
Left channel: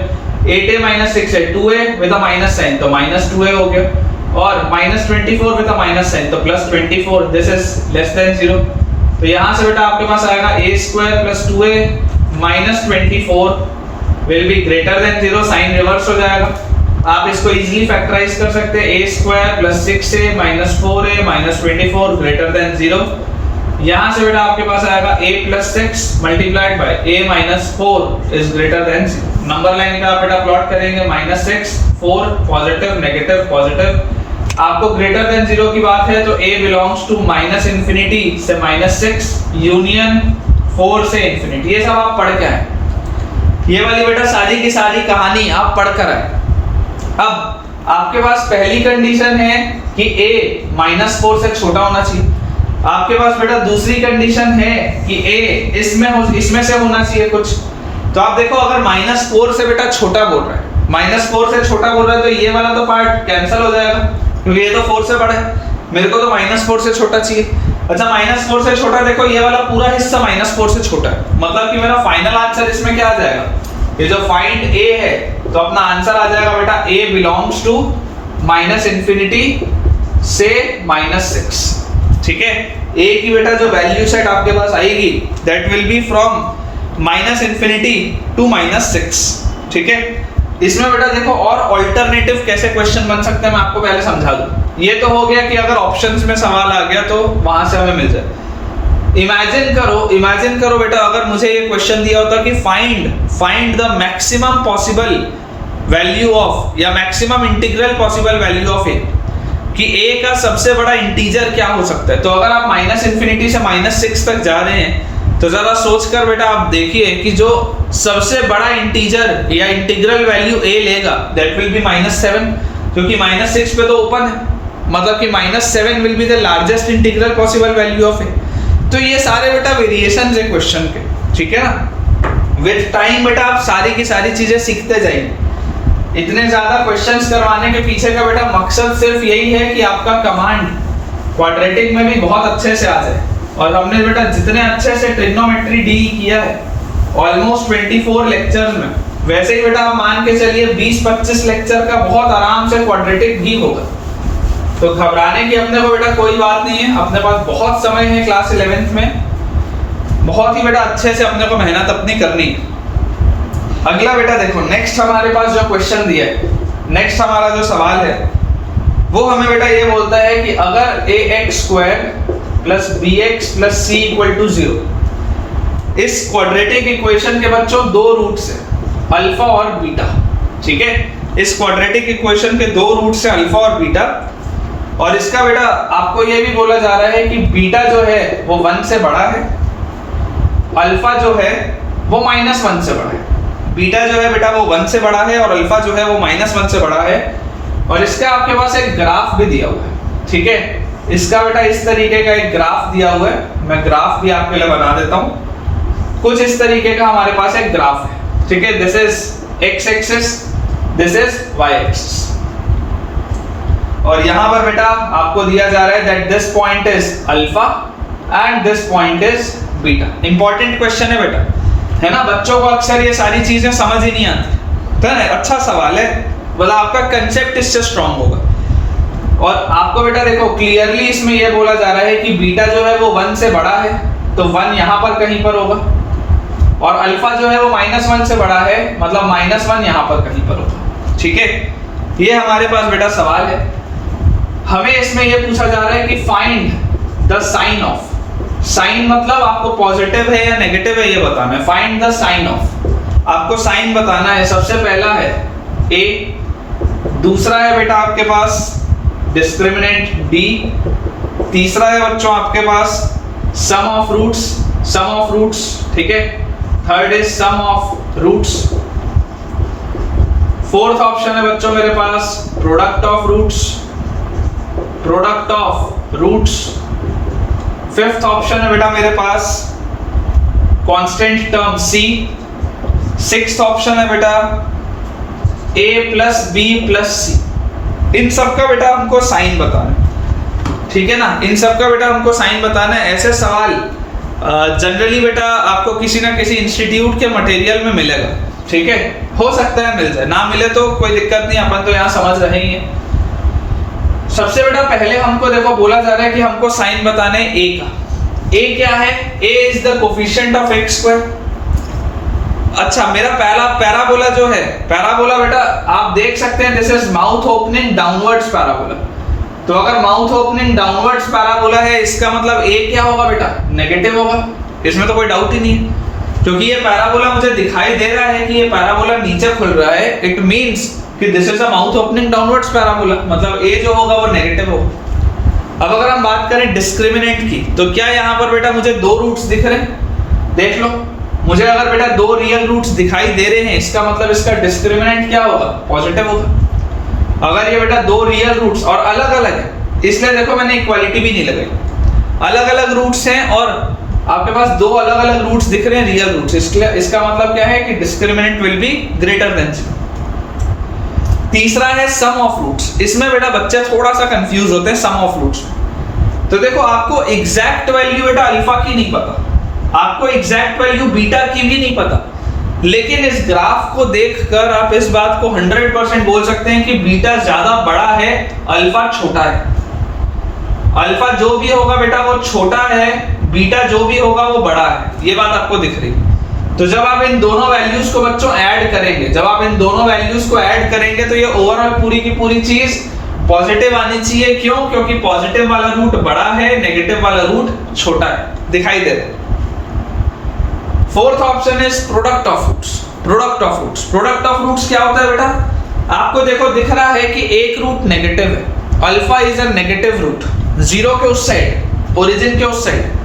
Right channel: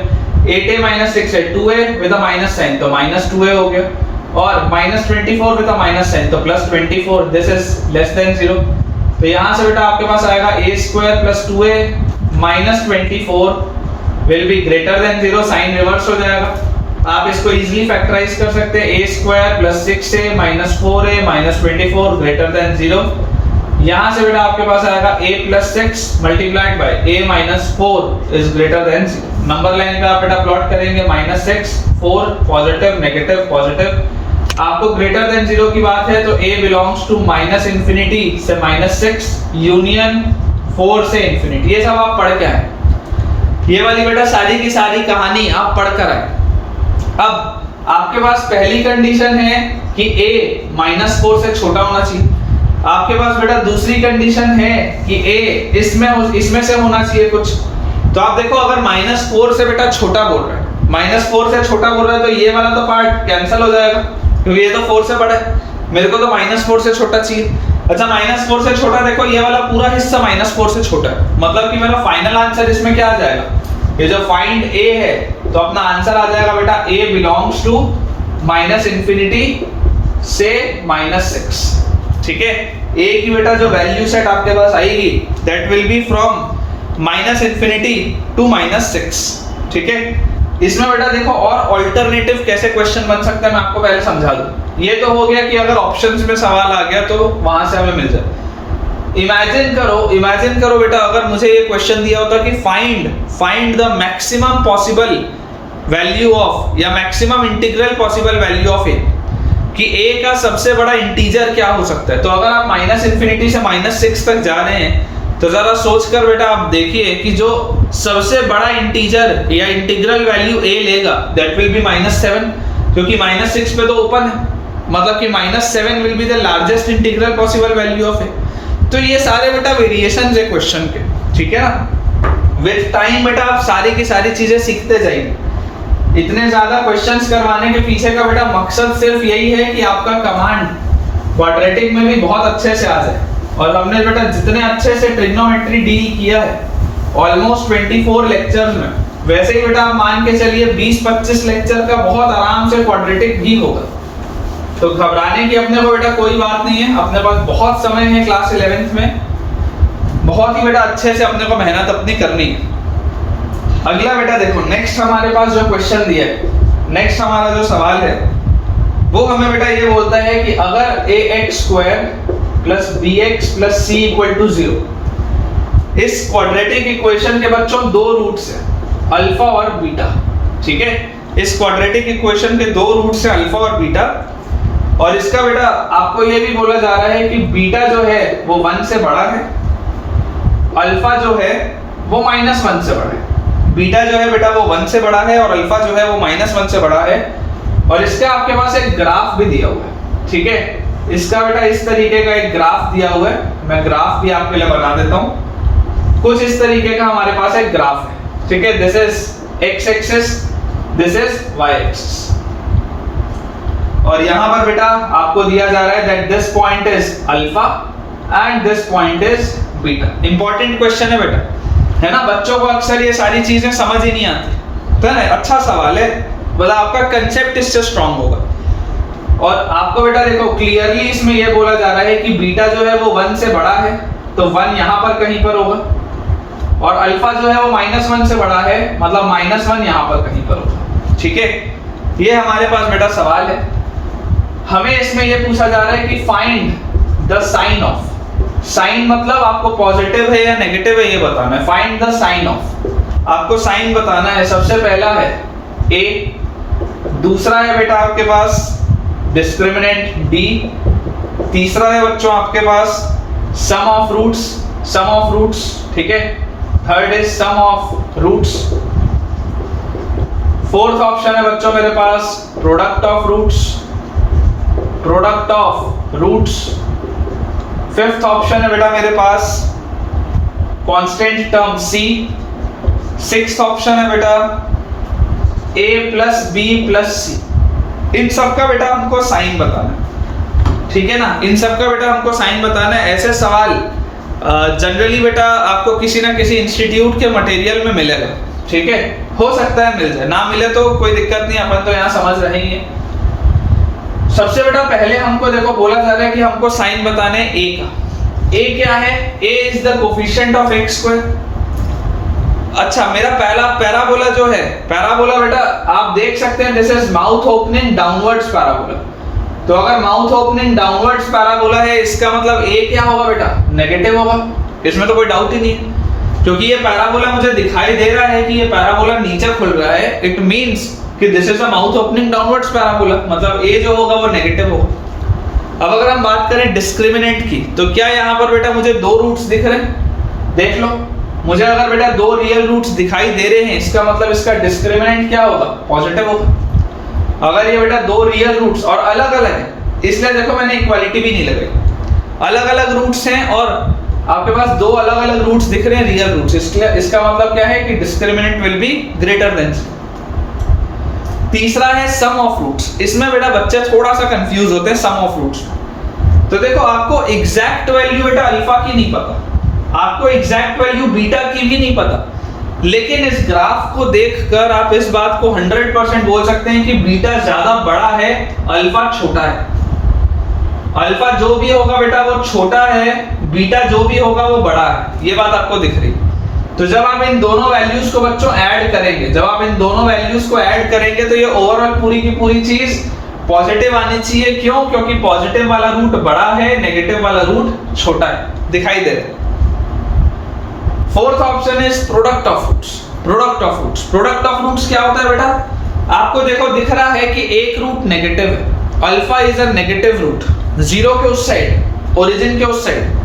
8a - 6 है 2a with a minus sign तो -2a हो गया, और -24 विद अ माइनस साइन तो +24, दिस इज लेस देन 0। तो यहां से बेटा आपके पास आएगा a square + 2a -24 will be greater than 0, sign reverse हो जाएगा। आप इसको इजीली फैक्टराइज कर सकते हैं, a square + 6a - 4a -24 greater than 0। यहां से बेटा आपके पास आएगा a + 6 multiplied by a - 4 is greater than 0। Number line पे आप बेटा प्लॉट करेंगे -6 4 पॉजिटिव नेगेटिव पॉजिटिव। आपको ग्रेटर देन 0 की बात है तो a बिलोंग्स टू -∞ से -6 यूनियन 4 से इंफिनिटी। ये सब आप पढ़ के आए, ये वाली बेटा सारी की सारी कहानी आप पढ़ कर आए। अब आपके पास पहली कंडीशन है कि a -4 से छोटा होना चाहिए। आपके पास बेटा दूसरी कंडीशन है कि a इसमें से होना चाहिए कुछ। तो आप देखो अगर -4 से बेटा छोटा बोल रहा है, -4 से छोटा बोल रहा है, तो ये वाला तो पार्ट कैंसिल हो जाएगा क्योंकि ये तो 4 से बड़ा है, मेरे को तो -4 से छोटा चाहिए। अच्छा -4 से छोटा, देखो ये वाला पूरा हिस्सा -4 से छोटा है, मतलब कि मेरा फाइनल आंसर इसमें क्या आ जाएगा, ये जो फाइंड a है तो अपना आंसर आ जाएगा बेटा a बिलोंग्स टू -∞ से -6। ठीक है, a की बेटा जो वैल्यू सेट आपके पास आएगी that will be from -∞ to -6। ठीक है, इसमें बेटा देखो और अल्टरनेटिव कैसे क्वेश्चन बन सकते हैं मैं आपको पहले समझा दूं। ये तो हो गया कि अगर ऑप्शंस में सवाल आ गया तो वहां से हमें मिल जाए। इमेजिन करो बेटा अगर मुझे ये क्वेश्चन दिया होता कि find the maximum possible value of या maximum integral possible value of a, कि a का सबसे बड़ा इंटीजर क्या हो सकता है। तो अगर आप -∞ से -6 तक जा रहे हैं तो जरा सोच कर बेटा आप देखिए कि जो सबसे बड़ा इंटीजर या इंटीग्रल वैल्यू a लेगा दैट विल बी -7, क्योंकि -6 पे तो ओपन है, मतलब कि -7 will be the largest integral possible value of a। तो ये सारे बेटा वेरिएशंस है क्वेश्चन के, ठीक है ना। विद टाइम बेटा आप सारी की सारी चीजें सीखते जाएंगे। इतने ज्यादा क्वेश्चंस करवाने के पीछे का बेटा मकसद सिर्फ यही है कि आपका कमांड क्वाड्रेटिक में भी बहुत अच्छे से आ जाए। और हमने बेटा जितने अच्छे से ट्रिग्नोमेट्री डील किया है ऑलमोस्ट 24 लेक्चर्स में, वैसे ही बेटा आप मान के चलिए 20-25 लेक्चर का बहुत आराम से क्वाड्रेटिक भी होगा। तो घबराने की अपने को बेटा कोई बात नहीं है, अपने पास बहुत समय है क्लास 11th में, बहुत ही बेटा अच्छे से अपने को मेहनत अपनी करनी है। अगला बेटा देखो नेक्स्ट हमारे पास जो क्वेश्चन दिया है, नेक्स्ट हमारा जो सवाल है वो हमें बेटा ये बोलता है कि अगर ax² + bx + c = 0, इस क्वाड्रेटिक इक्वेशन के बच्चों दो रूट्स है अल्फा और बीटा। ठीक है, इस क्वाड्रेटिक इक्वेशन के दो रूट्स है अल्फा और बीटा, और इसका बेटा आपको ये भी बोला जा रहा है कि बीटा जो है वो 1 से बड़ा है, अल्फा जो है वो -1 से बड़ा है। बीटा जो है बेटा वो 1 से बड़ा है और अल्फा जो है वो -1 से बड़ा है। और इसका आपके पास एक ग्राफ भी दिया हुआ है। ठीक है, इसका बेटा इस तरीके का एक ग्राफ दिया हुआ है, मैं ग्राफ भी आपके लिए बना देता हूं। कुछ इस तरीके का हमारे पास एक ग्राफ है। ठीक है, this is x axis, this is y axis, और यहां पर बेटा आपको दिया जा रहा है that this point is alpha and this point is beta. Important question है बेटा, है ना। बच्चों को अक्सर ये सारी चीजें समझ ही नहीं आती, तो है ना, अच्छा सवाल है, मतलब आपका कंसेप्ट इससे स्ट्रांग होगा। और आपको बेटा देखो क्लियरली इसमें यह बोला जा रहा है कि बीटा जो है वो 1 से बड़ा है, तो 1 यहां पर कहीं पर होगा, और अल्फा जो है वो -1 से बड़ा है, मतलब -1 यहां पर कहीं पर होगा। ठीक है, ये हमारे पास बेटा सवाल है। हमें इसमें यह पूछा जा रहा है कि find the sign of, sign मतलब आपको पॉजिटिव है या नेगेटिव है ये बताना है। फाइंड द साइन ऑफ, आपको साइन बताना है। सबसे पहला है a, दूसरा है बेटा आपके पास डिस्क्रिमिनेंट d, तीसरा है बच्चों आपके पास सम ऑफ रूट्स, ठीक है, third is sum of roots, fourth option है बच्चों मेरे पास product of roots, fifth option है बेटा मेरे पास constant term c, sixth option है बेटा a + b + c। इन सब का बेटा हमको साइन बताना है, ठीक है ना, इन सब का बेटा हमको साइन बताना है। ऐसे सवाल जनरली बेटा आपको किसी ना किसी इंस्टीट्यूट के मटेरियल में मिलेगा, ठीक है, हो सकता है मिल जाए, ना मिले तो कोई दिक्कत नहीं, अपन तो यहाँ समझ रहे ही है। सबसे बेटा पहले हमको देखो बोला जा रहा है कि हमको साइन बताने a का। a क्या है? a is the coefficient of x²। अच्छा, मेरा पहला पैराबोला जो है, पैराबोला बेटा आप देख सकते हैं this is mouth opening downwards parabola. तो अगर माउथ ओपनिंग डाउनवर्ड्स पैराबोला है, इसका मतलब a क्या होगा बेटा? नेगेटिव होगा, इसमें तो कोई डाउट ही नहीं है, क्योंकि ये पैराबोला मुझे दिखाई दे रहा है कि ये पैराबोला नीचे खुल रहा है, इट मींस कि this is a mouth opening downwards parabola, मतलब a जो होगा वो नेगेटिव होगा। अब अगर हम बात करें डिस्क्रिमिनेंट की, तो क्या यहाँ पर बेटा मुझे दो रूट्स दिख रहे हैं? देख लो, मुझे अगर बेटा दो रियल रूट्स दिखाई दे रहे हैं, इसका मतलब इसका डिस्क्रिमिनेंट क्या होगा? पॉजिटिव होगा। अगर ये बेटा दो रियल रूट्स और अलग अलग है, इसलिए देखो मैंने इक्वालिटी भी नहीं लगाई, अलग अलग रूट्स हैं और आपके पास दो अलग अलग रूट्स दिख रहे हैं रियल रूट्स, इसलिए इसका मतलब क्या है कि discriminant will be greater than 0। तीसरा है सम ऑफ रूट्स। इसमें बेटा बच्चे थोड़ा सा कंफ्यूज होते हैं सम ऑफ रूट्स। तो देखो आपको एग्जैक्ट वैल्यू बेटा अल्फा की नहीं पता, आपको एग्जैक्ट वैल्यू बीटा की भी नहीं पता, लेकिन इस ग्राफ को देखकर आप इस बात को 100% बोल सकते हैं कि बीटा ज्यादा बड़ा है, अल्फा छोटा है। अल्फा जो भी होगा बेटा वो छोटा है, बीटा जो भी होगा वो बड़ा है, ये बात आपको दिख रही है। तो जब आप इन दोनों वैल्यूज को बच्चों ऐड करेंगे, जब आप इन दोनों वैल्यूज को ऐड करेंगे तो ये ओवरऑल पूरी की पूरी चीज पॉजिटिव आनी चाहिए। क्यों? क्योंकि पॉजिटिव वाला रूट बड़ा है, नेगेटिव वाला रूट छोटा है, दिखाई दे रहा है। Fourth option is product of roots. Product of roots, product of roots क्या होता है बेटा? आपको देखो दिख रहा है कि एक रूट नेगेटिव है, alpha is a negative root, zero के उस साइड, ओरिजिन के उस साइड।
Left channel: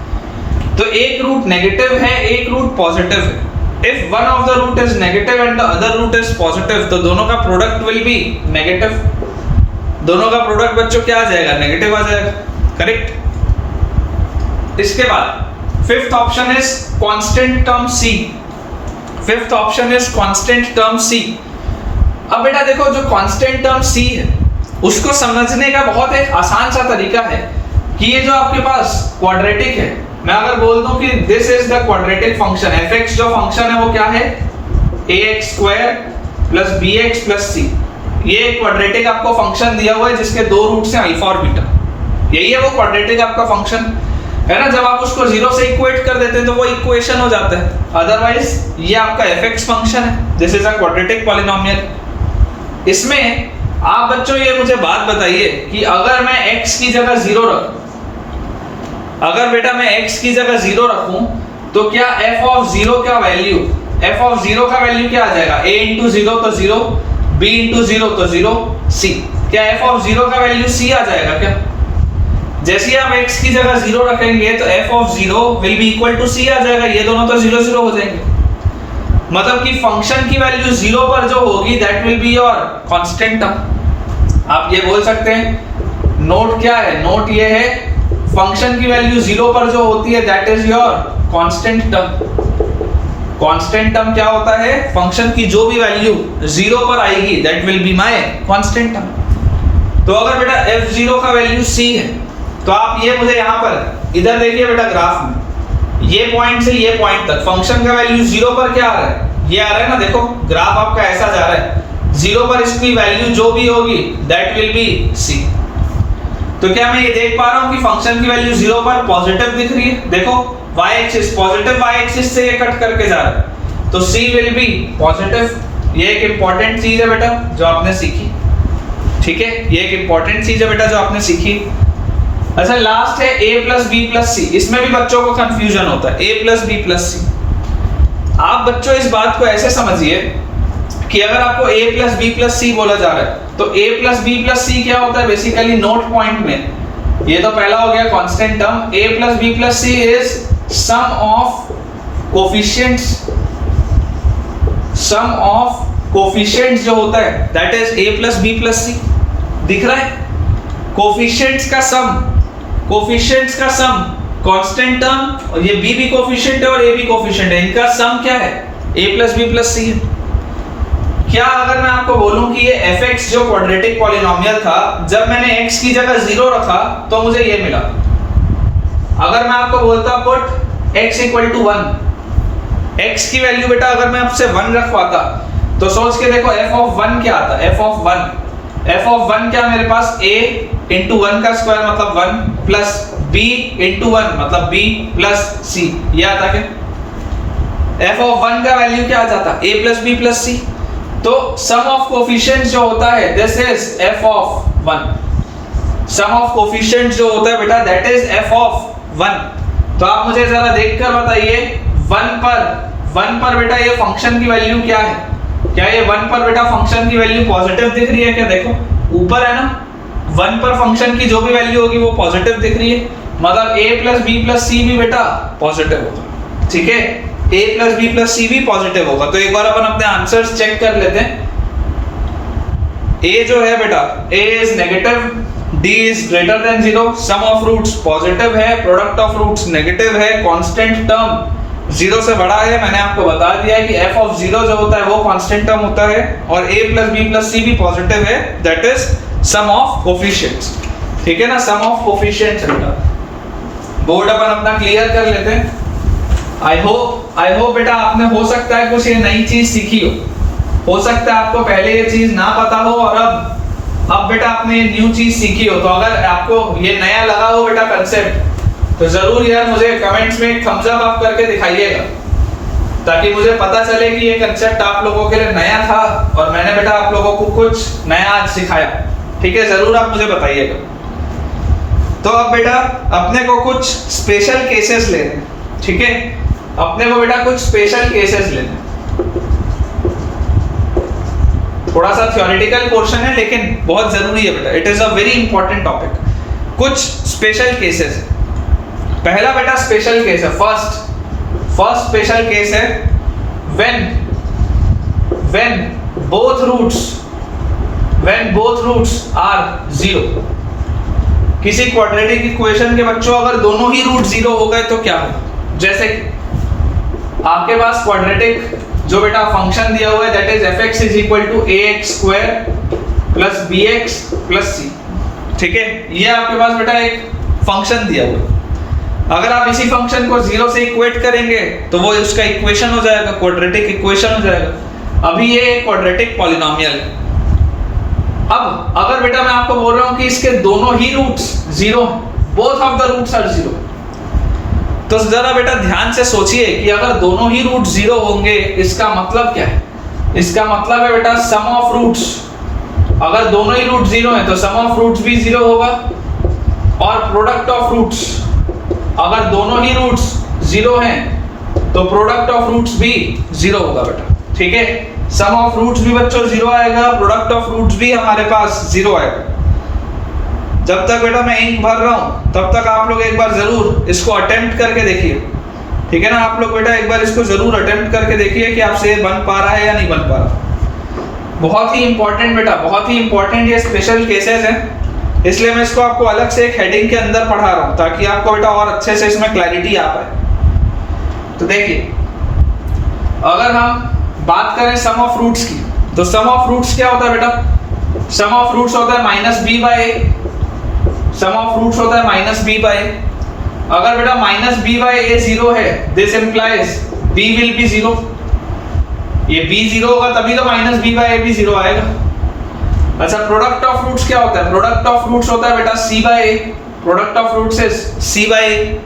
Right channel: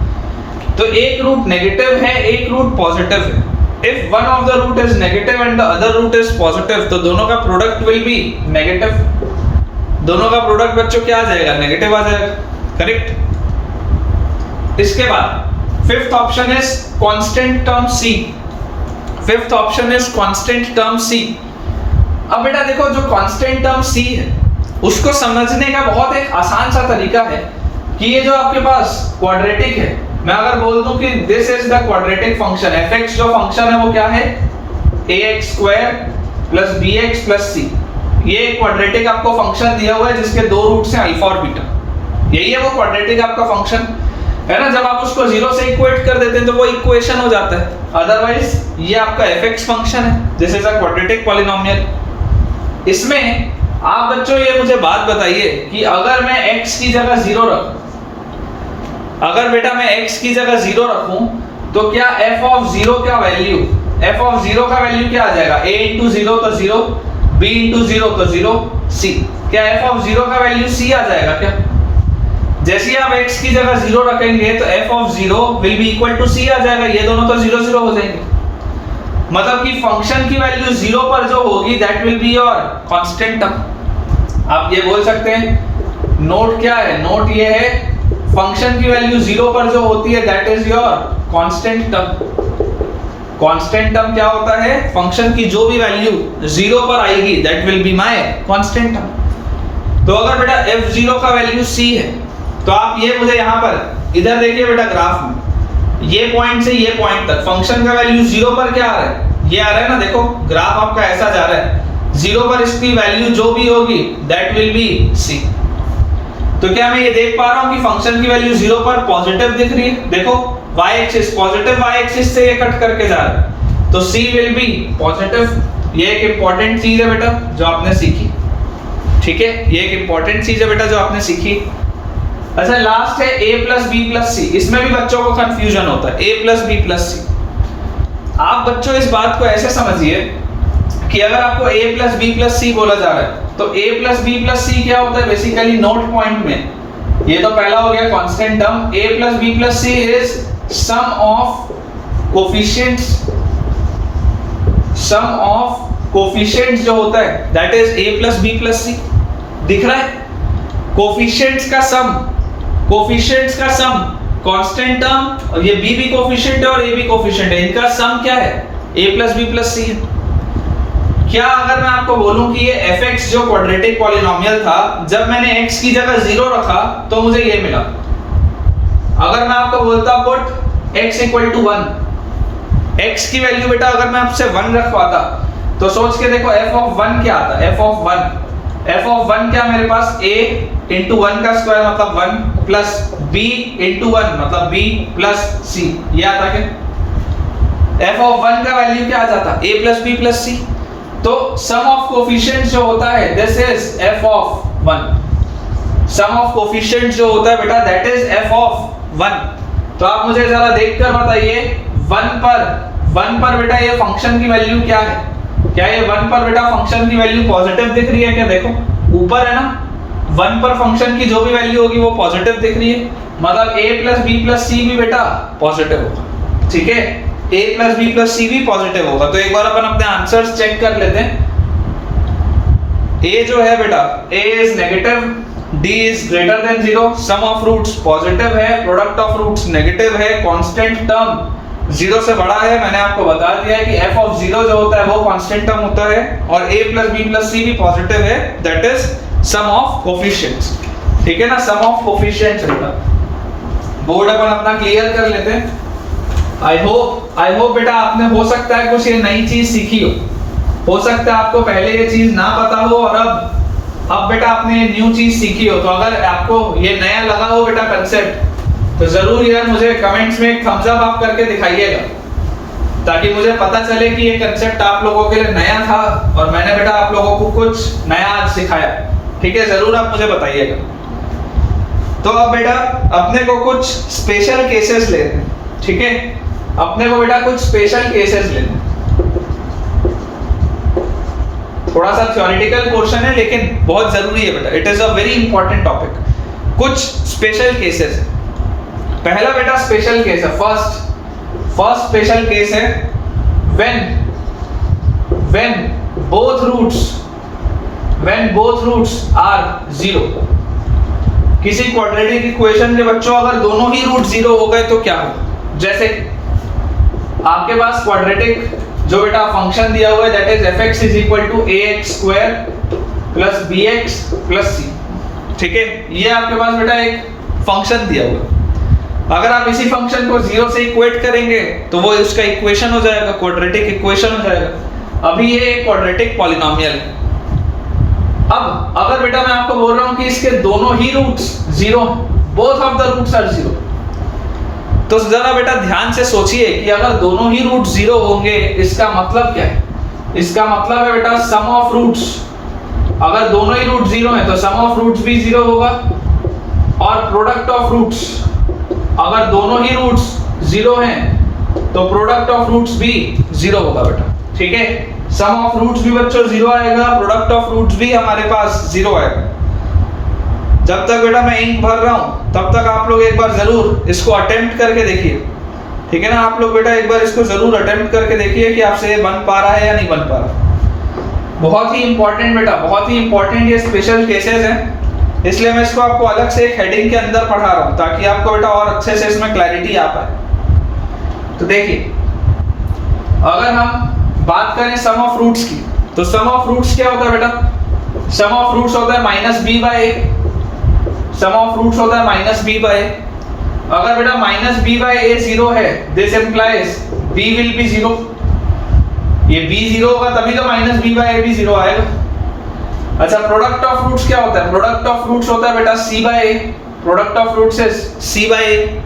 तो एक रूट नेगेटिव है, एक रूट पॉजिटिव है। If one of the root is negative and the other root is positive, तो दोनों का प्रोडक्ट विल बी नेगेटिव। दोनों का प्रोडक्ट बच्चों क्या आ जाएगा? नेगेटिव आ जाएगा, करेक्ट। इसके बाद fifth option is constant term C. Fifth option is constant term C. अब बेटा देखो जो कांस्टेंट टर्म सी है उसको समझने का बहुत एक आसान सा तरीका है कि ये जो आपके पास क्वाड्रेटिक है, मैं अगर बोल दूं कि this is the quadratic function, fx जो फंक्शन है वो क्या है? ax square plus bx plus c। ये क्वाड्रेटिक आपको फंक्शन दिया हुआ है जिसके दो रूट्स हैं अल्फा और बीटा, यही है वो क्वाड्रेटिक आपका फंक्शन है ना। जब आप उसको जीरो से इक्वेट कर देते हैं तो वो इक्वेशन हो जाता है, अदरवाइज ये आपका fx फंक्शन है, this is a quadratic polynomial. इसमें आप बच्चों ये मुझे बात बताइए कि अगर मैं x की जगह जीरो रखूं, अगर बेटा मैं x की जगह जीरो रखूं तो क्या f ऑफ जीरो का वैल्यू, f ऑफ जीरो का वैल्यू क्या आ जाएगा? a इंटू जीरो तो जीरो, b इंटू जीरो तो जीरो, c। क्या f ऑफ जीरो का वैल्यू c आ जाएगा क्या? जैसे ही आप x की जगह जीरो रखेंगे तो f of zero will be equal to c आ जाएगा, ये दोनों तो जीरो जीरो हो जाएंगे। मतलब कि फंक्शन की वैल्यू जीरो पर जो होगी that will be your constant term. आप ये बोल सकते हैं नोट क्या है? नोट ये है फंक्शन की वैल्यू जीरो पर जो होती है that is your constant term. Constant term क्या होता है? फंक्शन की जो भी वैल्यू जीरो पर आएगी that will be my constant term. तो अगर बेटा f0 का वैल्यू c है तो आप ये मुझे यहाँ पर इधर देखिए बेटा ग्राफ में, ये पॉइंट से ये पॉइंट तक फंक्शन का वैल्यू जीरो पर क्या आ रहा है? ये आ रहा है ना, देखो ग्राफ आपका ऐसा जा रहा है, जीरो पर इसकी वैल्यू जो भी होगी दैट विल बी c। तो क्या मैं ये देख पा रहा हूं कि फंक्शन की वैल्यू जीरो पर पॉजिटिव दिख रही है? देखो y axis positive, y axis से ये कट करके जा रहा है तो c विल बी पॉजिटिव। ये एक इंपॉर्टेंट चीज है बेटा जो आपने सीखी, ठीक है, ये एक इंपॉर्टेंट चीज है बेटा जो आपने सीखी। अच्छा लास्ट है a प्लस बी प्लस सी। इसमें भी बच्चों को कंफ्यूजन होता है, a प्लस बी प्लस सी। आप बच्चों इस बात को ऐसे समझिए कि अगर आपको a प्लस बी प्लस सी बोला जा रहा है तो a प्लस बी प्लस सी क्या होता है? बेसिकली नोट पॉइंट में ये तो पहला हो गया constant term, a plus B plus C is sum of coefficients, sum of coefficients जो होता है that is a plus B plus C. दिख रहा है? कोफिशिएंट्स का सम, कोफिशिएंट्स का सम कांस्टेंट टर्म, और ये b भी कोफिशिएंट है और a भी कोफिशिएंट है, इनका सम क्या है? a प्लस बी प्लस सी है। क्या अगर मैं आपको बोलूं कि ये fx जो क्वाड्रेटिक पॉलिनोमियल था, जब मैंने x की जगह जीरो रखा तो मुझे ये मिला। अगर मैं आपको बोलता put x equal to 1, x की वैल्यू बेटा अगर मैं आपसे 1 रखवाता तो सोच के देखो f ऑफ 1 क्या आता? f ऑफ 1 क्या मेरे पास a इंटू 1 का स्क्वायर मतलब 1 प्लस b इंटू 1 मतलब b प्लस c, ये आता क्या? f ऑफ 1 का वैल्यू क्या आ जाता? a plus b plus c। तो सम ऑफ कोफिशिएंट्स जो होता है this is f of 1। Sum of coefficients जो होता है बेटा दैट इज f ऑफ 1। तो आप मुझे जरा देखकर बताइए 1 पर बेटा ये फंक्शन की वैल्यू क्या है? क्या ये 1 पर बेटा फंक्शन की वैल्यू पॉजिटिव दिख रही है क्या? देखो ऊपर है ना, 1 पर फंक्शन की जो भी वैल्यू होगी वो पॉजिटिव दिख रही है, मतलब a plus B plus C भी बेटा पॉजिटिव होगा, ठीक है, a plus B plus C भी पॉजिटिव होगा। तो एक बार अपन अपने आंसर्स चेक कर लेते हैं। ए जो है बेटा, A is negative, D is greater than zero, sum of roots positive है, प्रोडक्ट ऑफ रूट्स नेगेटिव है, कांस्टेंट टर्म जीरो से बड़ा है। मैंने आपको बता दिया है कि एफ ऑफ जीरो जो होता है वो कांस्टेंट टर्म होता है, और A plus B plus C भी पॉजिटिव है, that is sum of coefficients. ठीक है ना, सम ऑफ कोफिशिएंट्स बेटा। बोर्ड अपन अपना क्लियर कर लेते हैं। आई होप बेटा आपने हो सकता है कुछ ये नई चीज सीखी हो सकता है आपको पहले ये चीज ना पता हो और अब बेटा आपने ये न्यू चीज सीखी हो। तो अगर आपको ये नया लगा हो बेटा कंसेप्ट, तो जरूर यार मुझे कमेंट्स में एक थम्स अप आप करके दिखाइएगा, ताकि मुझे पता चले कि ये कंसेप्ट आप लोगों के लिए नया था और मैंने बेटा आप लोगों को कुछ नया आज सिखाया। ठीक है, जरूर आप मुझे बताइएगा। तो अब बेटा अपने को कुछ स्पेशल केसेस लेने हैं। ठीक है, अपने को बेटा कुछ स्पेशल केसेस लेने हैं। थोड़ा सा थ्योरेटिकल पोर्शन है लेकिन बहुत जरूरी है बेटा, it is a very important topic. कुछ स्पेशल केसेस है। पहला बेटा स्पेशल केस है, फर्स्ट स्पेशल केस है when both roots are zero. किसी क्वाड्रेटिक इक्वेशन के बच्चों अगर दोनों ही रूट जीरो हो गए तो क्या हो? जैसे आपके पास क्वाड्रेटिक जो बेटा फंक्शन दिया हुआ है that is fx is equal to ax square plus bx plus c। ठीक है, ये आपके पास बेटा एक फंक्शन दिया हुआ है। अगर आप इसी फंक्शन को जीरो से इक्वेट करेंगे तो वो उसका इक्वेशन हो जाएगा, क्वाड्रेटिक इक्वेशन हो जाएगा। अभी ये एक क्वाड्रेटिक पॉलिनोमियल है। अब अगर बेटा मैं आपको बोल रहा हूं कि इसके दोनों ही roots zero, both of the roots are zero, तो जरा बेटा ध्यान से सोचिए कि अगर दोनों ही रूट जीरो होंगे इसका मतलब क्या है? इसका मतलब है बेटा सम ऑफ रूट्स, अगर दोनों ही रूट जीरो हैं तो सम ऑफ रूट्स भी जीरो होगा, और प्रोडक्ट ऑफ रूट्स, अगर दोनों ही रूट्स जीरो हैं तो प्रोडक्ट ऑफ रूट्स भी जीरो होगा बेटा। ठीक है, सम ऑफ रूट्स भी बच्चों जीरो आएगा, प्रोडक्ट ऑफ रूट्स भी हमारे पास जीरो आएगा। जब तक बेटा मैं इंक भर रहा हूं तब तक आप लोग एक बार जरूर इसको अटेम्प्ट करके देखिए। ठीक है ना, आप लोग बेटा एक बार इसको जरूर अटेम्प्ट करके देखिए कि आपसे ये बन पा रहा है या नहीं बन पा रहा। बहुत ही इंपॉर्टेंट बेटा, बहुत ही इंपॉर्टेंट ये स्पेशल केसेस हैं, इसलिए मैं इसको आपको अलग से एक हेडिंग के अंदर पढ़ा रहा हूं ताकि आपको बेटा और अच्छे से इसमें क्लैरिटी आ पाए। तो देखिए, अगर हम बात करें सम ऑफ रूट्स की, तो सम ऑफ रूट्स क्या होता है बेटा? सम ऑफ रूट्स होता है minus B by A. Sum of roots होता है माइनस बी बाय ए। अगर बेटा minus B by A zero है, this implies B will be zero. ये बी जीरो होगा तभी तो माइनस बी बाय ए भी जीरो आएगा। अच्छा, प्रोडक्ट ऑफ रूट्स क्या होता है? प्रोडक्ट ऑफ रूट्स होता है बेटा C by A. Product of roots is C by A.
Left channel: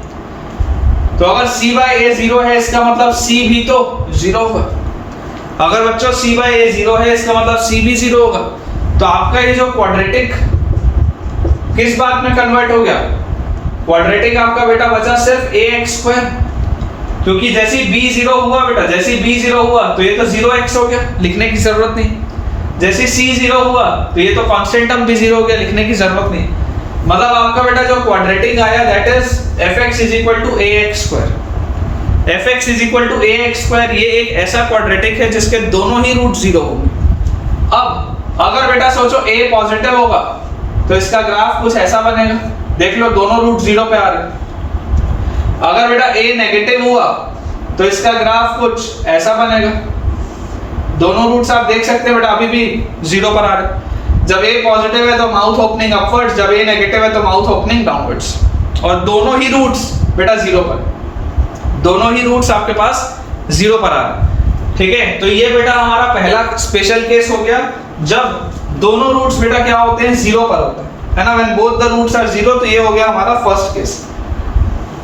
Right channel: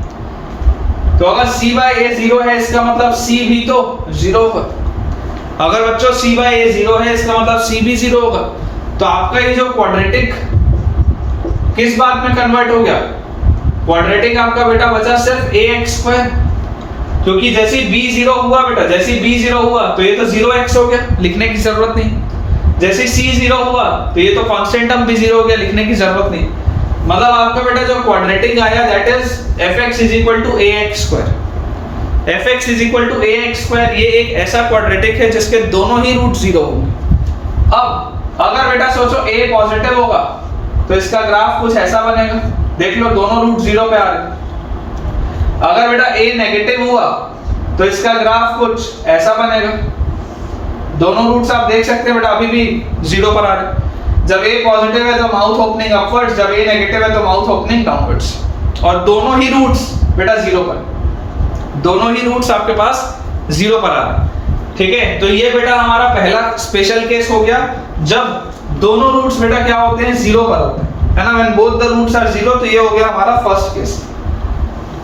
तो अगर सी बाय ए जीरो है इसका मतलब सी भी तो जीरो होगा। अगर बच्चों सी बाय ए जीरो है इसका मतलब सी भी जीरो होगा। तो आपका ये जो क्वाड्रेटिक किस बात में कन्वर्ट हो गया? क्वाड्रेटिक आपका बेटा बचा सिर्फ ax स्क्वायर, क्योंकि जैसे b जीरो हुआ बेटा, जैसे b जीरो हुआ तो ये तो 0x हो गया, लिखने की जरूरत नहीं। जैसे c जीरो हुआ तो ये तो कांस्टेंट टर्म भी जीरो हो गया, लिखने की जरूरत नहीं। मतलब आपका बेटा जो क्वाड्रेटिक आया that is fx is equal to ax square. fx is equal to ax square, ये एक ऐसा क्वाड्रेटिक है जिसके दोनों ही रूट जीरो होंगे। अब अगर बेटा सोचो a पॉजिटिव होगा तो इसका ग्राफ कुछ ऐसा बनेगा, देख लो दोनों रूट जीरो पे आ रहे। अगर बेटा a नेगेटिव हुआ तो इसका ग्राफ कुछ ऐसा बनेगा, दोनों रूट्स आप देख सकते हैं बेटा अभी भी जीरो पर आ रहे। जब a पॉजिटिव है तो माउथ ओपनिंग अपवर्ड्स, जब a नेगेटिव है तो माउथ ओपनिंग डाउनवर्ड्स, और दोनों ही रूट्स बेटा जीरो पर, दोनों ही रूट्स आपके पास जीरो पर आ रहे। ठीक है, तो ये बेटा हमारा पहला स्पेशल केस हो गया जब दोनों रूट्स बेटा क्या होते हैं? जीरो पर होते हैं, है ना। When both the roots are zero, तो ये हो गया हमारा फर्स्ट केस।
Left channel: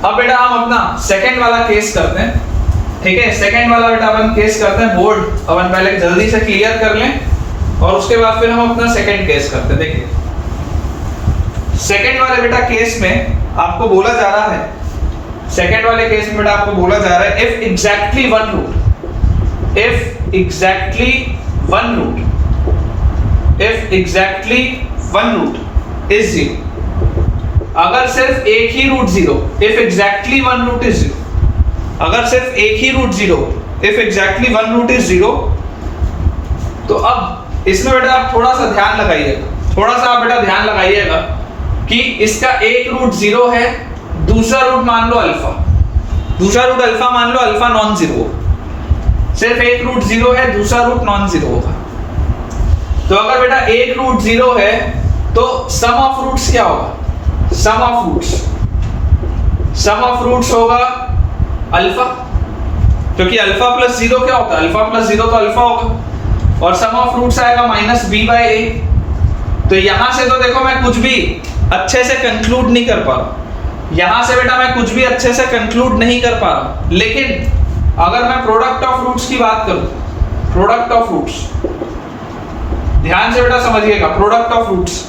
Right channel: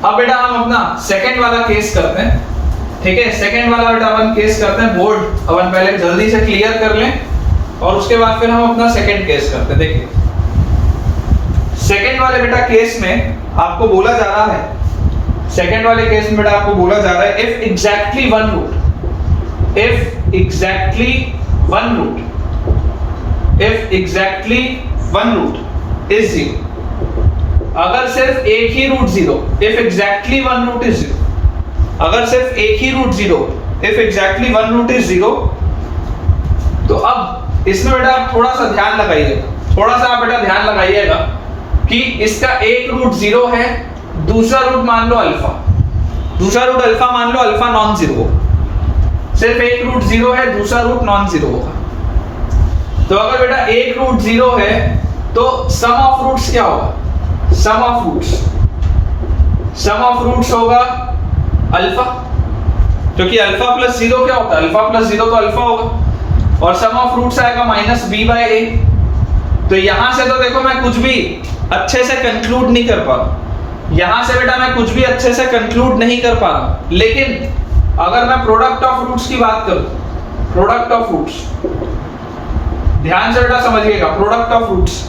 अब बेटा हम अपना सेकंड वाला केस करते हैं। ठीक है, सेकंड वाला बेटा अपन केस करते हैं। बोर्ड अपन पहले जल्दी से क्लियर कर लें और उसके बाद फिर हम अपना सेकंड केस करते हैं। देखिए, सेकंड वाले बेटा केस में आपको बोला जा रहा है, सेकंड वाले केस में बेटा आपको बोला जा रहा है if exactly one root, if exactly one root is zero, अगर सिर्फ एक ही root zero, if exactly one root is zero, अगर सिर्फ एक ही root zero, if exactly one root is zero, तो अब इसमें बेटा आप थोड़ा सा ध्यान लगाइएगा, थोड़ा सा आप बेटा ध्यान लगाइएगा कि इसका एक रूट 0 है, दूसरा रूट मान लो अल्फा, दूसरा रूट अल्फा मान लो, अल्फा नॉन जीरो, सिर्फ एक रूट 0 है, दूसरा रूट नॉन जीरो होगा। तो अगर बेटा एक रूट 0 है तो सम ऑफ रूट्स क्या होगा? सम ऑफ रूट्स होगा अल्फा, क्योंकि अल्फा प्लस 0 क्या होता है? अल्फा प्लस 0 तो अल्फा होगा, और सम ऑफ रूट्स आएगा माइनस बी बाई ए। तो यहां से तो देखो मैं कुछ भी अच्छे से कंक्लूड नहीं कर पा रहा, यहां से बेटा मैं कुछ भी अच्छे से कंक्लूड नहीं कर पा रहा। लेकिन अगर मैं प्रोडक्ट ऑफ रूट्स की बात करूं, प्रोडक्ट ऑफ रूट्स, ध्यान से बेटा समझिएगा, प्रोडक्ट ऑफ रूट्स,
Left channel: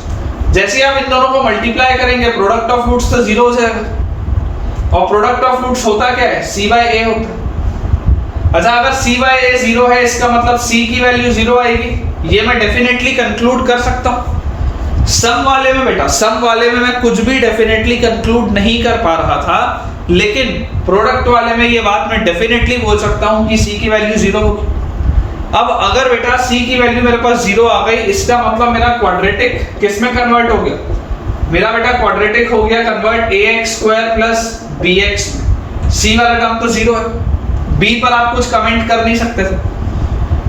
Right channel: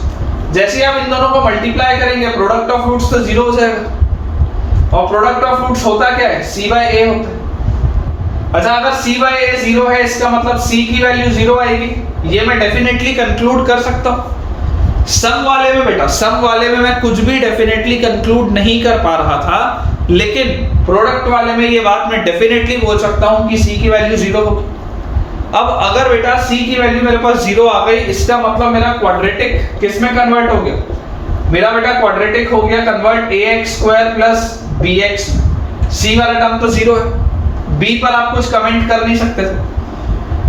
जैसे आप इन दोनों को मल्टीप्लाई करेंगे प्रोडक्ट ऑफ रूट्स तो 0 हो जाएगा। और प्रोडक्ट ऑफ रूट्स होता क्या है? c बाय a होता है। अच्छा, अगर c बाय a 0 है, इसका मतलब c की वैल्यू 0 आएगी, ये मैं डेफिनेटली कंक्लूड कर सकता हूं। सम वाले में बेटा, सम वाले में मैं कुछ भी डेफिनेटली कंक्लूड नहीं कर पा रहा था, लेकिन प्रोडक्ट वाले में ये बात मैं डेफिनेटली बोल सकता हूं कि c की वैल्यू 0 होगी। अब अगर बेटा c की वैल्यू मेरे पास 0 आ गई, इसका मतलब मेरा क्वाड्रेटिक किस में कन्वर्ट हो गया? मेरा बेटा क्वाड्रेटिक हो गया कन्वर्ट ax² प्लस bx में। c वाला टर्म तो 0 है, b पर आप कुछ कमेंट कर नहीं सकते थे,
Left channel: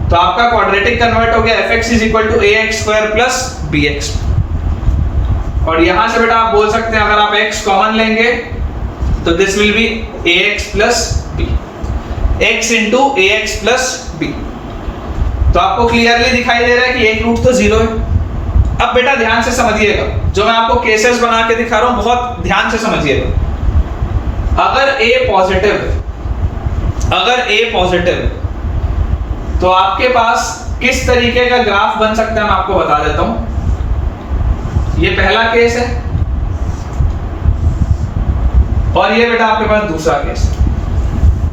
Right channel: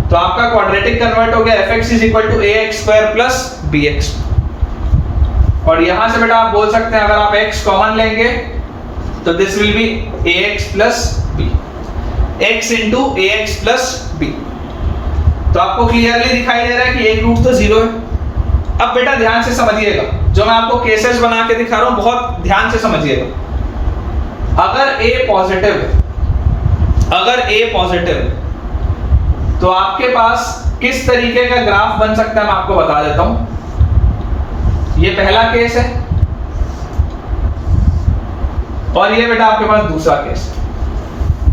तो आपका क्वाड्रेटिक कन्वर्ट हो गया fx = ax² प्लस bx। और यहां से बेटा आप बोल सकते हैं, अगर आप x कॉमन लेंगे तो this will B ax plus b, x into ax plus b। तो आपको क्लियरली दिखाई दे रहा है कि एक रूट तो 0 है। अब बेटा ध्यान से समझिएगा, जो मैं आपको केसेस बना के दिखा रहा हूं, बहुत ध्यान से समझिएगा। अगर a पॉजिटिव है, अगर a पॉजिटिव है, तो आपके पास किस तरीके का ग्राफ बन सकता है मैं आपको बता देता हूं। ये पहला केस है और ये बेटा आपके पास दूसरा केस है।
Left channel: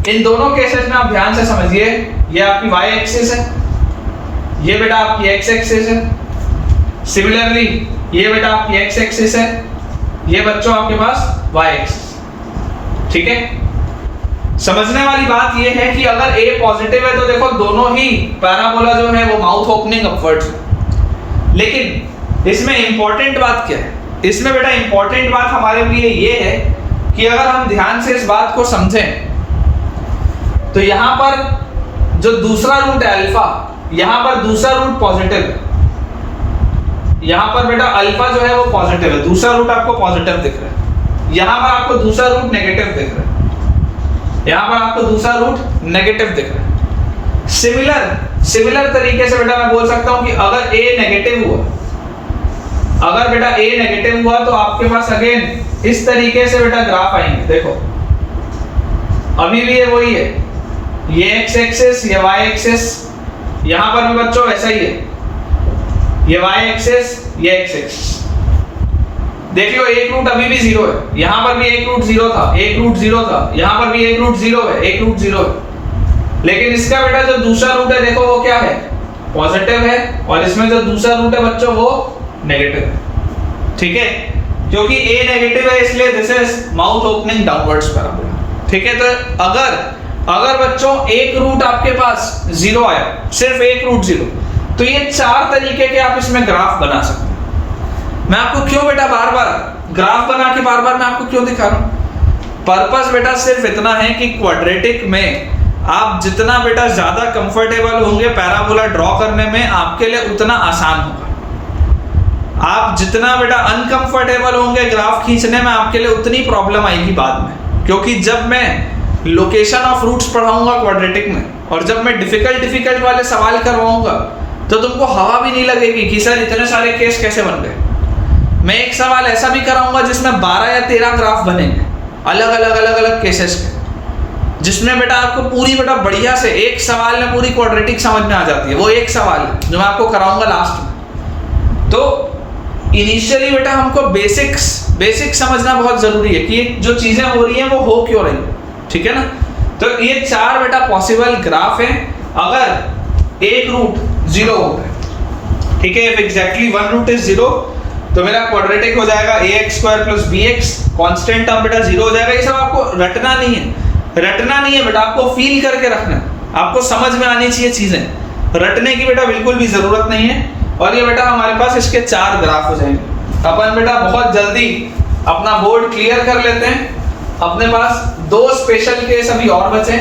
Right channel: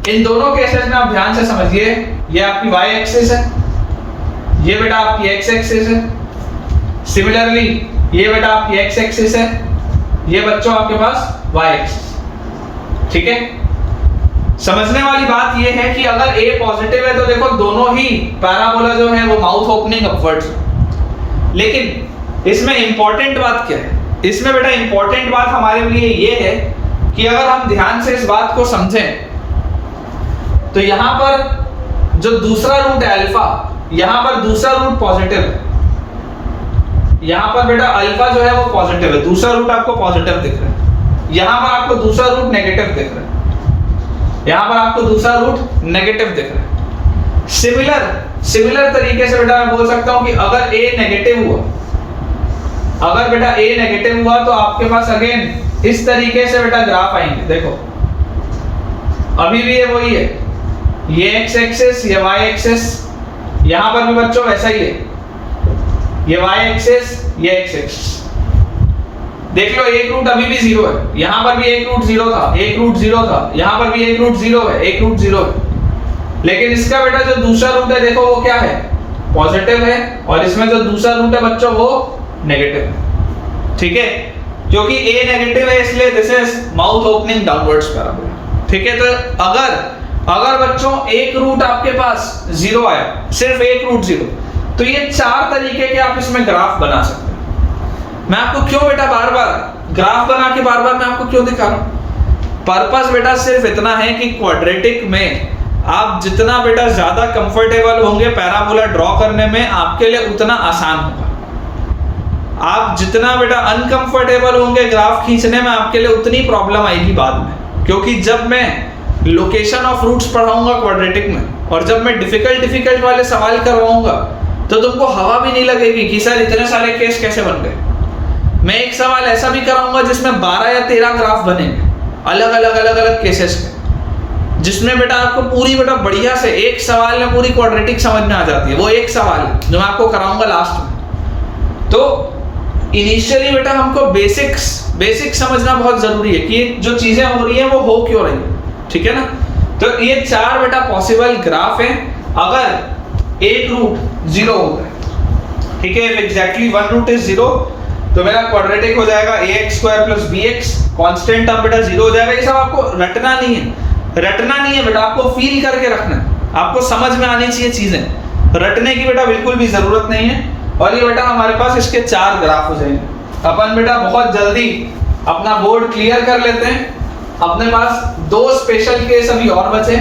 इन दोनों केसेस में आप ध्यान से समझिए, ये आपकी y एक्सिस है, ये बेटा आपकी x एक्सिस है, सिमिलरली ये बेटा आपकी x एक्सिस है, ये बच्चों आपके पास y एक्सिस। ठीक है, समझने वाली बात ये है कि अगर a पॉजिटिव है तो देखो दोनों ही पैराबोला जो है वो माउथ ओपनिंग अपवर्ड्स है। लेकिन इसमें इंपॉर्टेंट बात क्या है? इसमें बेटा इंपॉर्टेंट बात हमारे लिए ये है कि अगर हम ध्यान से इस बात को समझें तो यहां पर जो दूसरा रूट है अल्फा, यहां पर दूसरा रूट पॉजिटिव है, यहां पर बेटा अल्फा जो है वो पॉजिटिव है, दूसरा रूट आपको पॉजिटिव दिख रहा है, यहां पर आपको दूसरा रूट नेगेटिव दिख रहा है, यहां पर आपको दूसरा रूट नेगेटिव दिख रहा है। सिमिलर तरीके से बेटा मैं बोल सकता हूं कि अगर a नेगेटिव हुआ, अगर बेटा a नेगेटिव हुआ तो आपके पास अगेन इस तरीके से बेटा ग्राफ आएंगे। देखो अभी भी ये वही है, ये x एक्सिस, ये y एक्सिस, यहां पर भी बच्चों वैसा ही है, ये y एक्सिस, ये x एक्सिस। देख लो एक रूट अभी भी 0 है, यहां पर भी एक रूट 0 था, एक रूट 0 था, यहां पर भी एक रूट 0 है, एक रूट 0 है। लेकिन इसका बेटा जो दूसरा रूट है देखो वो क्या है? पॉजिटिव है, और इसमें जो दूसरा रूट है बच्चों वो नेगेटिव है। ठीक है, क्योंकि a नेगेटिव है इसलिए this is mouth opening downwards parabola. ठीक है, तो अगर बच्चों एक रूट आपके पास 0 आया, सिर्फ एक रूट 0, तो ये 4 तरीके के आप इसमें ग्राफ बना सकते हैं। मैं आपको क्यों बेटा बार बार ग्राफ बना के बार बार मैं आपको क्यों दिखा रहा हूं? पर्पस बेटा सिर्फ इतना है कि क्वाड्रेटिक में आप जितना बेटा ज्यादा कंफर्टेबल होंगे पैराबोला ड्रॉ करने में, आपके लिए उतना आसान होगा। आप जितना बेटा अनकंफर्टेबल होंगे ग्राफ खींचने में, आपके लिए उतनी प्रॉब्लम आएगी बाद में। क्योंकि जब मैं लोकेशन ऑफ रूट्स पढ़ाऊंगा क्वाड्रेटिक में, और जब मैं डिफिकल्ट वाले सवाल करवाऊंगा, तो तुमको हवा भी नहीं लगेगी कि सर इतने सारे केस कैसे बन गए। मैं एक सवाल ऐसा भी कराऊंगा जिसमें 12 या 13 ग्राफ बनेंगे अलग अलग केसेस के, जिसमें बेटा आपको पूरी बेटा बढ़िया से एक सवाल में पूरी क्वाड्रेटिक समझ में आ जाती है। वो एक सवाल है जो मैं आपको कराऊंगा लास्ट में। तो इनिशियली बेटा हमको बेसिक समझना बहुत जरूरी है कि जो चीजें हो रही हैं वो हो क्यों रही है। ठीक है ना, तो ये 4 बेटा पॉसिबल ग्राफ हैं अगर एक रूट 0 होगा। ठीक है, if exactly one root is 0 तो मेरा क्वाड्रेटिक हो जाएगा ax² plus bx, constant term बेटा 0 हो जाएगा। ये सब आपको रटना नहीं है बेटा, आपको फील करके रखना है, आपको समझ में आनी चाहिए चीजें। रटने की बेटा बिल्कुल भी जरूरत नहीं है। और ये बेटा हमारे पास इसके 4 ग्राफ हो जाएंगे। अपन बेटा बहुत जल्दी अपना बोर्ड क्लियर कर लेते हैं। अपने पास 2 स्पेशल केस अभी और बचे।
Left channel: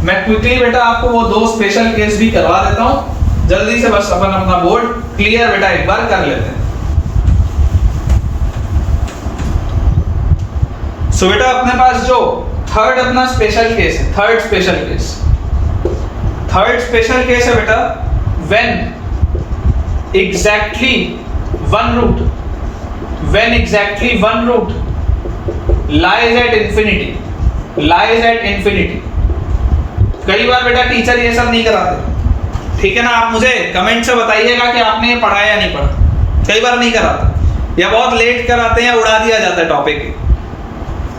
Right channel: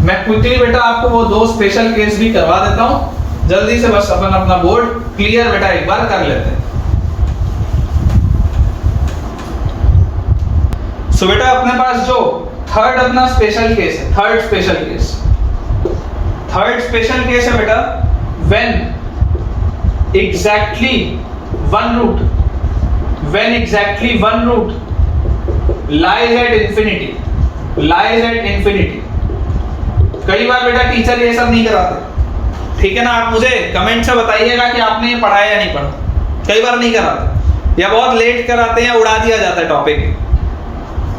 मैं क्विकली बेटा आपको वो 2 स्पेशल केस भी करवा देता हूं, जल्दी से बस अपन अपना बोर्ड क्लियर बेटा एक बार कर लेते हैं। सो बेटा अपने पास जो थर्ड अपना स्पेशल केस है, थर्ड स्पेशल केस है बेटा, when exactly one root lies at infinity। कई बार बेटा टीचर ये सब नहीं कराते, ठीक है ना। आप मुझे कमेंट से बताइएगा कि आपने ये पढ़ा या नहीं पढ़ा। कई बार नहीं कराते या बहुत लेट कराते हैं, उड़ा दिया जाता है टॉपिक।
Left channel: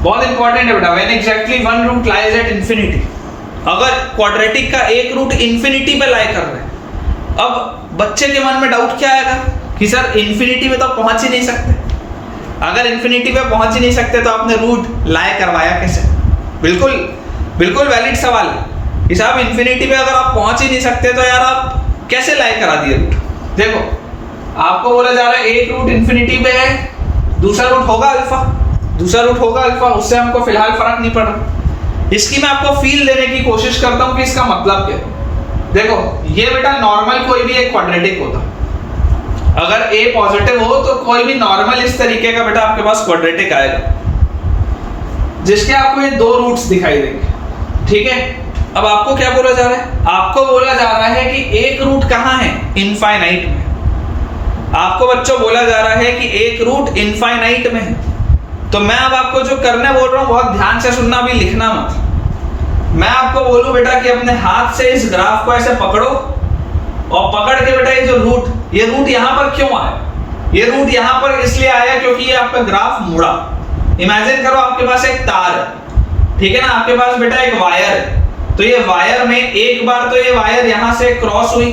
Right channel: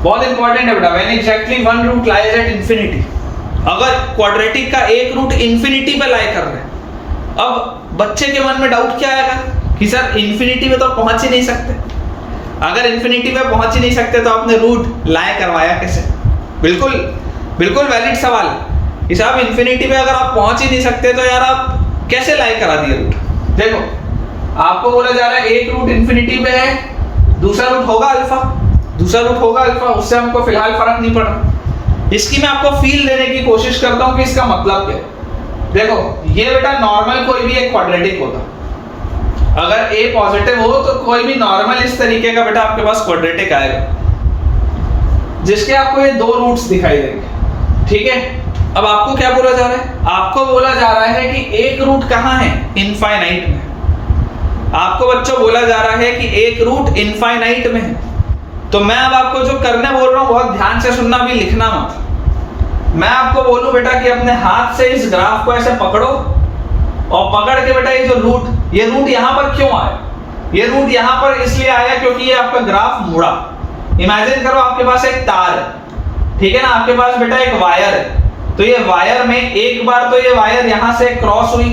बहुत इंपॉर्टेंट है बेटा, when exactly one root lies at infinity. अगर क्वाड्रेटिक का एक रूट इंफिनिटी पे लाई कर रहे हैं, अब बच्चे के मन में डाउट क्या आएगा कि सर इंफिनिटी पे तो पहुंच ही नहीं सकते। अगर इंफिनिटी पे पहुंच ही नहीं सकते तो आपने रूट लाए करवाया कैसे? बिल्कुल वैलिड सवाल है कि साहब इंफिनिटी पे अगर आप पहुंच ही नहीं सकते तो यार आप कैसे लाए करा दिए रूट? देखो आपको बोला जा रहा है एक रूट इंफिनिटी पे है, दूसरा रूट होगा अल्फा, उससे हमको फिलहाल फर्क नहीं पड़ रहा। इसकी मैं आपको फील देने की कोशिश करता हूं कि इसका मतलब क्या है। देखो ये बेटा नॉर्मल कोई भी एक क्वाड्रेटिक होता, अगर a पॉजिटिव हो तो कोई भी नॉर्मल इस तरीके का बेटा आपके पास क्वाड्रेटिक आएगा, जिसके आपको ये 2 रूट्स दिखाई देंगे, ठीक है। अब आपको क्या बोला जा रहा है? आपको बोला जा रहा है कि एक रूट कहाँ है? इनफाइनाइट में। आपको बच्चों बोला जा रहा है कि एक रूट इनफाइनाइट में है। तो मैं अब आपको जो करने बोल रहा हूँ बहुत ध्यान से सुनना, भी लिखना मत। मैं आपको बोलूं बेटा कि अपने हाथ से इस ग्राफ को ऐसे पकड़ो और पकड़ के बेटा ये जो रूट, ये रूट यहां पर क्यों आया? ये रूट यहां पर इसलिए आया क्योंकि ये आपका ग्राफ मुड़ा। इमेजिन करो आपके पास एक तार है, ठीक है ना, आपके पास बेटा एक वायर है। तो ये वायर में एक बार तो ये वायर यहां से क्रॉस हुई,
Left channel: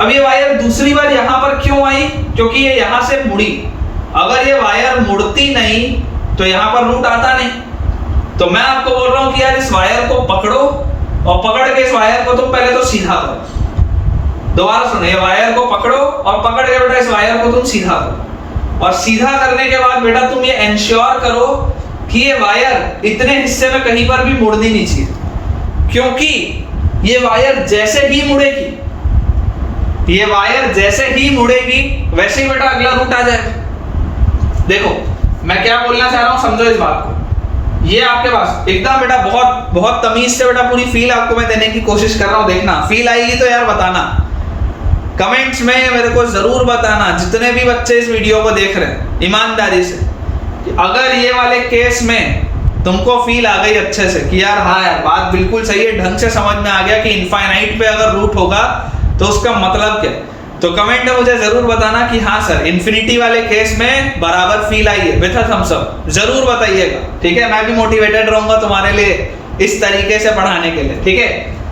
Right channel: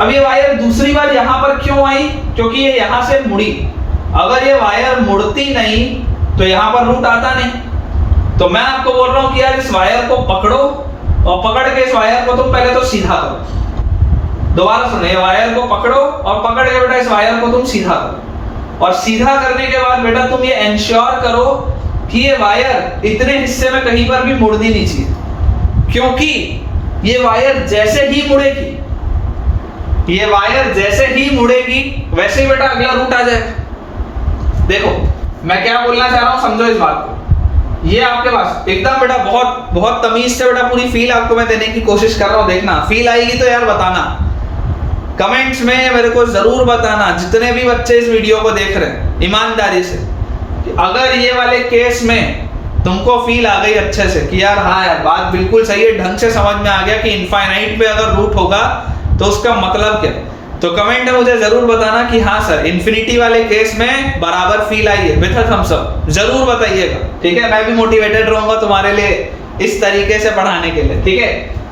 अब ये वायर दूसरी बार यहां पर क्यों आई? क्योंकि ये यहां से मुड़ी। अगर ये वायर मुड़ती नहीं तो यहां पर रूट आता नहीं। तो मैं आपको बोल रहा हूं कि यार इस वायर को पकड़ो और पकड़ के इस वायर को तुम पहले तो सीधा करो। दोबारा सुनो, ये वायर को पकड़ो और पकड़ के बेटा इस वायर को तुम सीधा करो। और सीधा करने के बाद बेटा तुम ये इंश्योर करो कि ये वायर इतने हिस्से में कहीं पर भी मुड़नी नहीं चाहिए, क्योंकि ये वायर जैसे ही मुड़ेगी वैसे ही बेटा अगला रूट आ जाएगा। देखो मैं क्या बोलना चाह रहा हूं, समझो इस बात को। ये आपके पास एकदम बेटा बहुत तमीज से बेटा पूरी फील आपको मैं देने की कोशिश कर रहा हूं। देखना फील आएगी तो यार बताना, कमेंट्स में मेरे को जरूर बताना, जितने भी बच्चे इस वीडियो को देख रहे हैं, ईमानदारी से, कि अगर ये वाले केस में तुमको फील आ गई अच्छे से कि यार हाँ यार बात बिल्कुल सही है, ढंग से समझ में आ गया कि इनफाइनाइट पे अगर रूट होगा तो उसका मतलब क्या, तो कमेंट में मुझे जरूर बताना कि हाँ सर इन्फिनिटी वाले केस में बराबर फील आई है विद थम्स अप, जरूर बताइएगा, ठीक है। मैं भी मोटिवेटेड रहूंगा तुम्हारे लिए इस तरीके से पढ़ाने के लिए, ठीक है।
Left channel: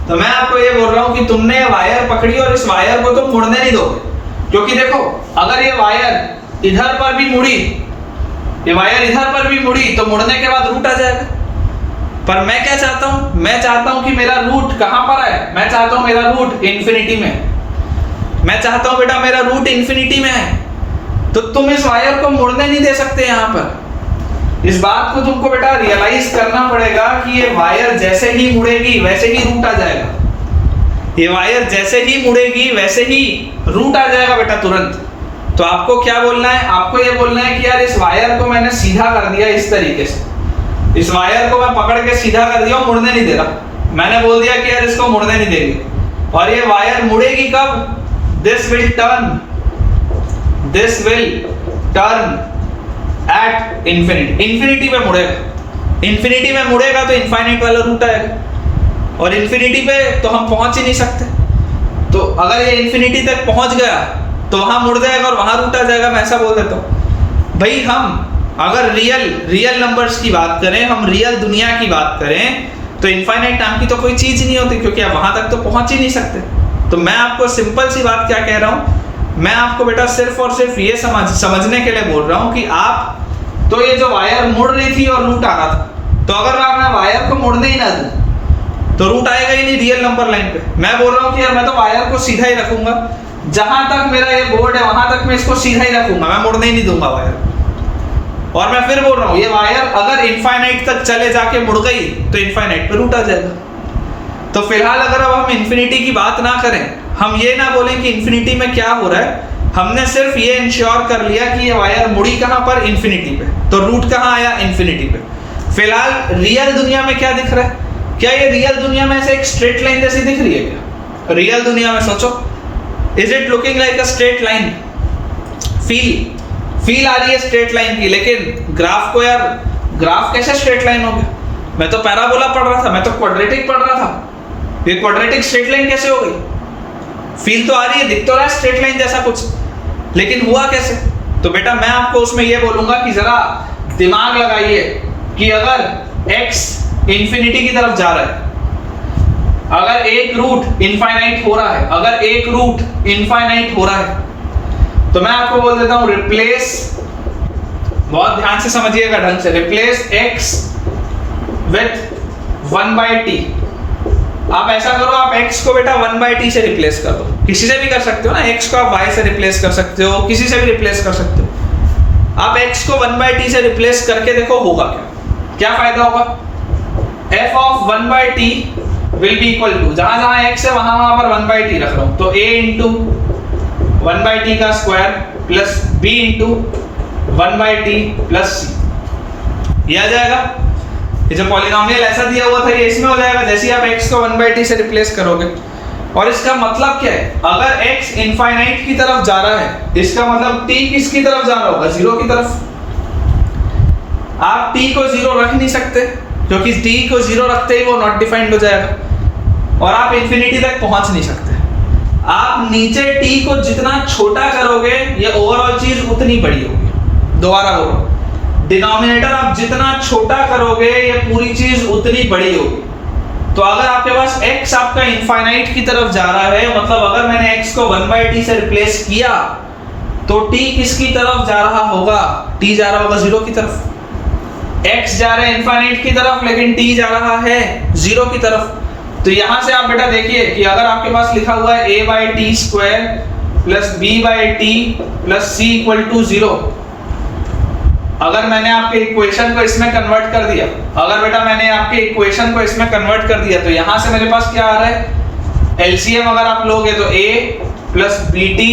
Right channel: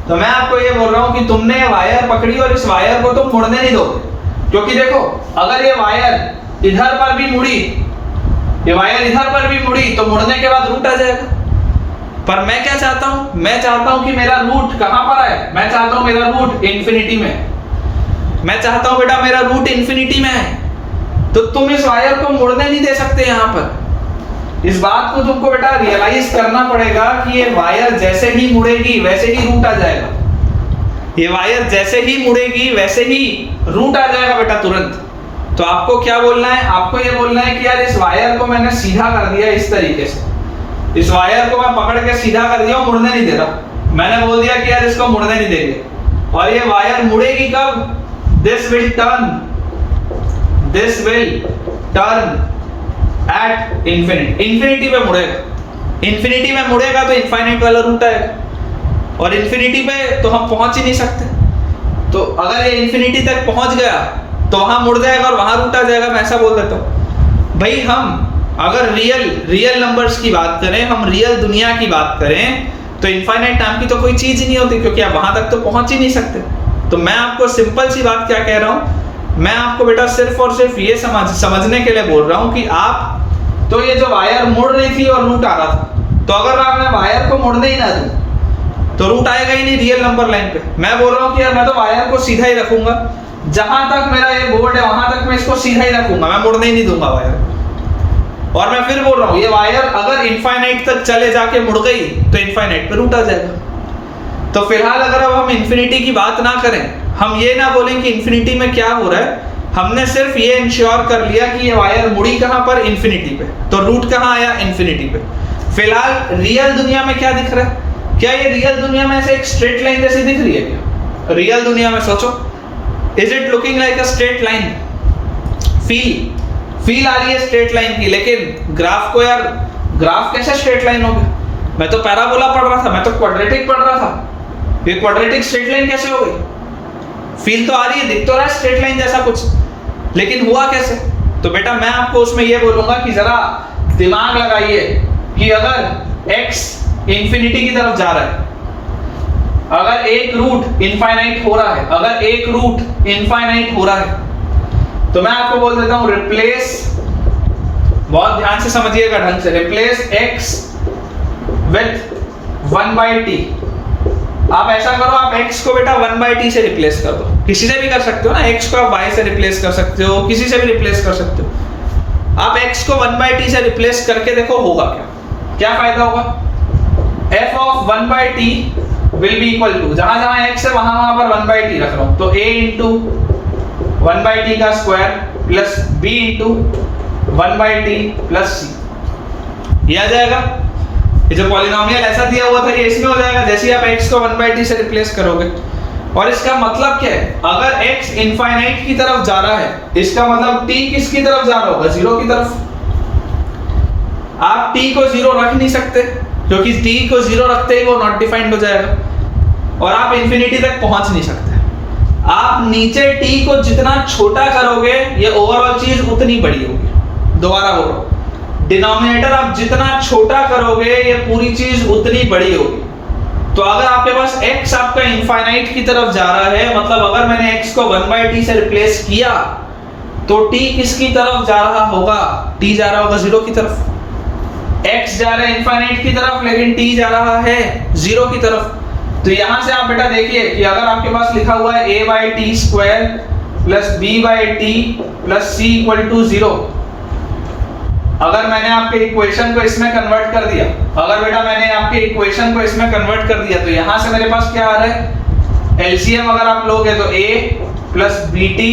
तो मैं आपको ये बोल रहा हूँ कि तुमने वायर पकड़ी और इस वायर को तुम मुड़ने नहीं दोगे, क्योंकि देखो अगर ये वायर इधर पर भी मुड़ी, ये वायर इधर पर भी मुड़ी तो मुड़ने के बाद रूट आ जाएगा। पर मैं क्या चाहता हूं, मैं चाहता हूं कि मेरा रूट कहां पर आए, मैं चाहता हूं मेरा रूट इंफिनिटी में, मैं चाहता हूं बेटा मेरा रूट इंफिनिटी में है। तो तुम इस वायर को मुड़ने नहीं दे सकते। यहां पर इस बात को तुमको बेटा रियलाइज करना पड़ेगा कि ये वायर जैसे ही मुड़ेगी वैसे ही रूट आ जाएगा। ये वायर जैसे ही मुड़ेगी वैसे ही रूट आ जाएगा बेटा तुरंत। तो आपको क्या बोलना है, आपको ये बोलना है कि यार इस वायर को मैंने सीधा कर दिया इस तरीके से, इस वायर को मैं पकड़ के सीधा कर दिया, मुड़ने नहीं दे रहा। मैंने बोल दिया कि यार इसको मुड़ने नहीं देंगे, और ये वायर मुड़ेगी कब, this will turn at infinity, infinity पे मुड़ेगा। इंफिनिटी में मुड़ेगा तो इनफाइनाइट वाला रूट आएगा, और इंफिनिटी पे तो हम पहुंच ही नहीं सकते। तो अगर ये इंफिनिटी तक पहुंच गया तो वहां मुड़ जाएगा और वहां रूट आ जाएगा। मैं ऐसा बोल देता हूं भाई, हम अगर रियल नंबर्स की बात करें, हम रियल दुनिया की बात करें, तो इनफाइनाइट नाम की तो कोई चीज ही नहीं होती, क्योंकि आप वहां तक तो पहुंच ही नहीं सकते। तो मैं आपको सिंपल सी बात क्या कह रहा हूं, मैं आपको बेटा सिर्फ और सिर्फ ये समझने के लिए बोल रहा हूं कि आप तो ये जो वायर मुड़ रही थी और रूट आ रहा था, तो अगर मैं वायर को मुड़ने ही ना दूं तो रूट आएगा ही नहीं रियल नंबर लाइन पे। मैं बोल रहा हूँ कि यार मैं तो वायर को सीधा ही रखूंगा, जहां तक मेरा ये बोर्ड है वहां तक मैं इसको सीधा ही रखूंगा, मैं मुड़ने ही नहीं दूंगा वायर। और मैं फिर बोल रहा हूँ ये वायर अगर इनफाइनाइट तक चले जाके मुड़ गई तो इनफाइनाइट पे रूट आ जाएगा। तो फिलहाल अगर अब हम इन्फिनिटी की बात ना करें, हम ये ना बोलें कि इन्फिनिटी में क्या हो रहा है, हमने सिर्फ ये इंश्योर कर लिया कि ये वायर मुड़ी कहां पर, इन्फिनिटी पे, तो रूट कहां आया, इन्फिनिटी पे। फिलहाल रियल दुनिया में क्या दिख रहा है, क्या ये रियल दुनिया में ऐसे एक स्ट्रेट लाइन जैसी दिख रही है क्या? रियल दुनिया में सोचो, is it looking like a straight line? Feel आ रही है स्ट्रेट लाइन की, लेकिन ग्राफ को यार, ग्राफ कैसे स्ट्रेट लाइन हो गया? मैं तो पैराबोला पढ़ रहा था, मैं तो क्वाड्रेटिक पढ़ रहा था, ये क्वाड्रेटिक स्ट्रेट लाइन कैसे हो गई? फील तो आ रही है, दिख तो रहा है स्ट्रेट लाइन जैसा कुछ, लेकिन हुआ कैसे? तो बेटा मैं आपको उसमें ये बोलूंगा कि जरा दिमाग लगाइए कि अगर x इंफिनिटी की तरफ जा रहा है, अगर एक रूट इनफाइनाइट हो रहा है, अगर एक रूट इनफाइनाइट हो रहा है, तो मैं आपको बोल देता हूं रिप्लेस, बहुत ध्यान से समझिएगा ढंग से, रिप्लेस x विथ 1/t। आप ऐसा करो, आप x को बेटा 1/t से रिप्लेस कर दो, किसी से भी कर सकते हो ना, x को आप y से रिप्लेस कर सकते हो, किसी से भी रिप्लेस कर सकते हो। आप x को 1/t से रिप्लेस करके देखो होगा क्या, क्या फायदा होगा? f of 1/t will be equal to, जहां जहां x है वहां वहां पर 1/t रख रहा हूं, तो a into 1/t का square plus b into 1/t plus c, ये आ जाएगा। ये जो पॉलिनोमियल ऐसा दिया हुआ था ये इसमें हो जाएगा, जैसे ही आप x को 1/t से रिप्लेस करोगे। और इसका मतलब क्या है, अगर x इनफाइनाइट की तरफ जा रहा है, इसका मतलब t किसकी तरफ जा रहा होगा, जीरो की तरफ। आप t को जीरो रख नहीं सकते, क्योंकि t को जीरो रखते ही वो नॉट डिफाइंड हो जाएगा, और आप इन्फिनिटी तक पहुंच नहीं सकते। आप नीचे t को जितना छोटा करोगे ये ओवरऑल चीज उतनी बड़ी होगी। दोबारा बोल रहा हूं, डिनोमिनेटर आप जितना छोटा करोगे ये पूरी चीज उतनी बड़ी होगी। तो अगर आपके पास x आपका इनफाइनाइट की तरफ जा रहा है, मतलब अगर मैंने x को 1/t से रिप्लेस किया, तो t किसकी तरफ जा रहा होगा, t जा रहा होगा जीरो की तरफ। x जा रहा है इनफाइनाइट की तरफ, लेकिन t जा रहा है जीरो की तरफ। तो यहां से आप बेटा देखिए कि अगर आपके पास लिखा हुआ है a/t square plus b/t plus c equal to 0, अगर मैंने आपके इक्वेशन को इसमें कन्वर्ट कर दिया, अगर बेटा मैंने आपके इक्वेशन को इसमें कन्वर्ट कर दिया, तो यहां से मेरे पास क्या आ रहा है, एलसीएम अगर आप लोगे तो a plus bt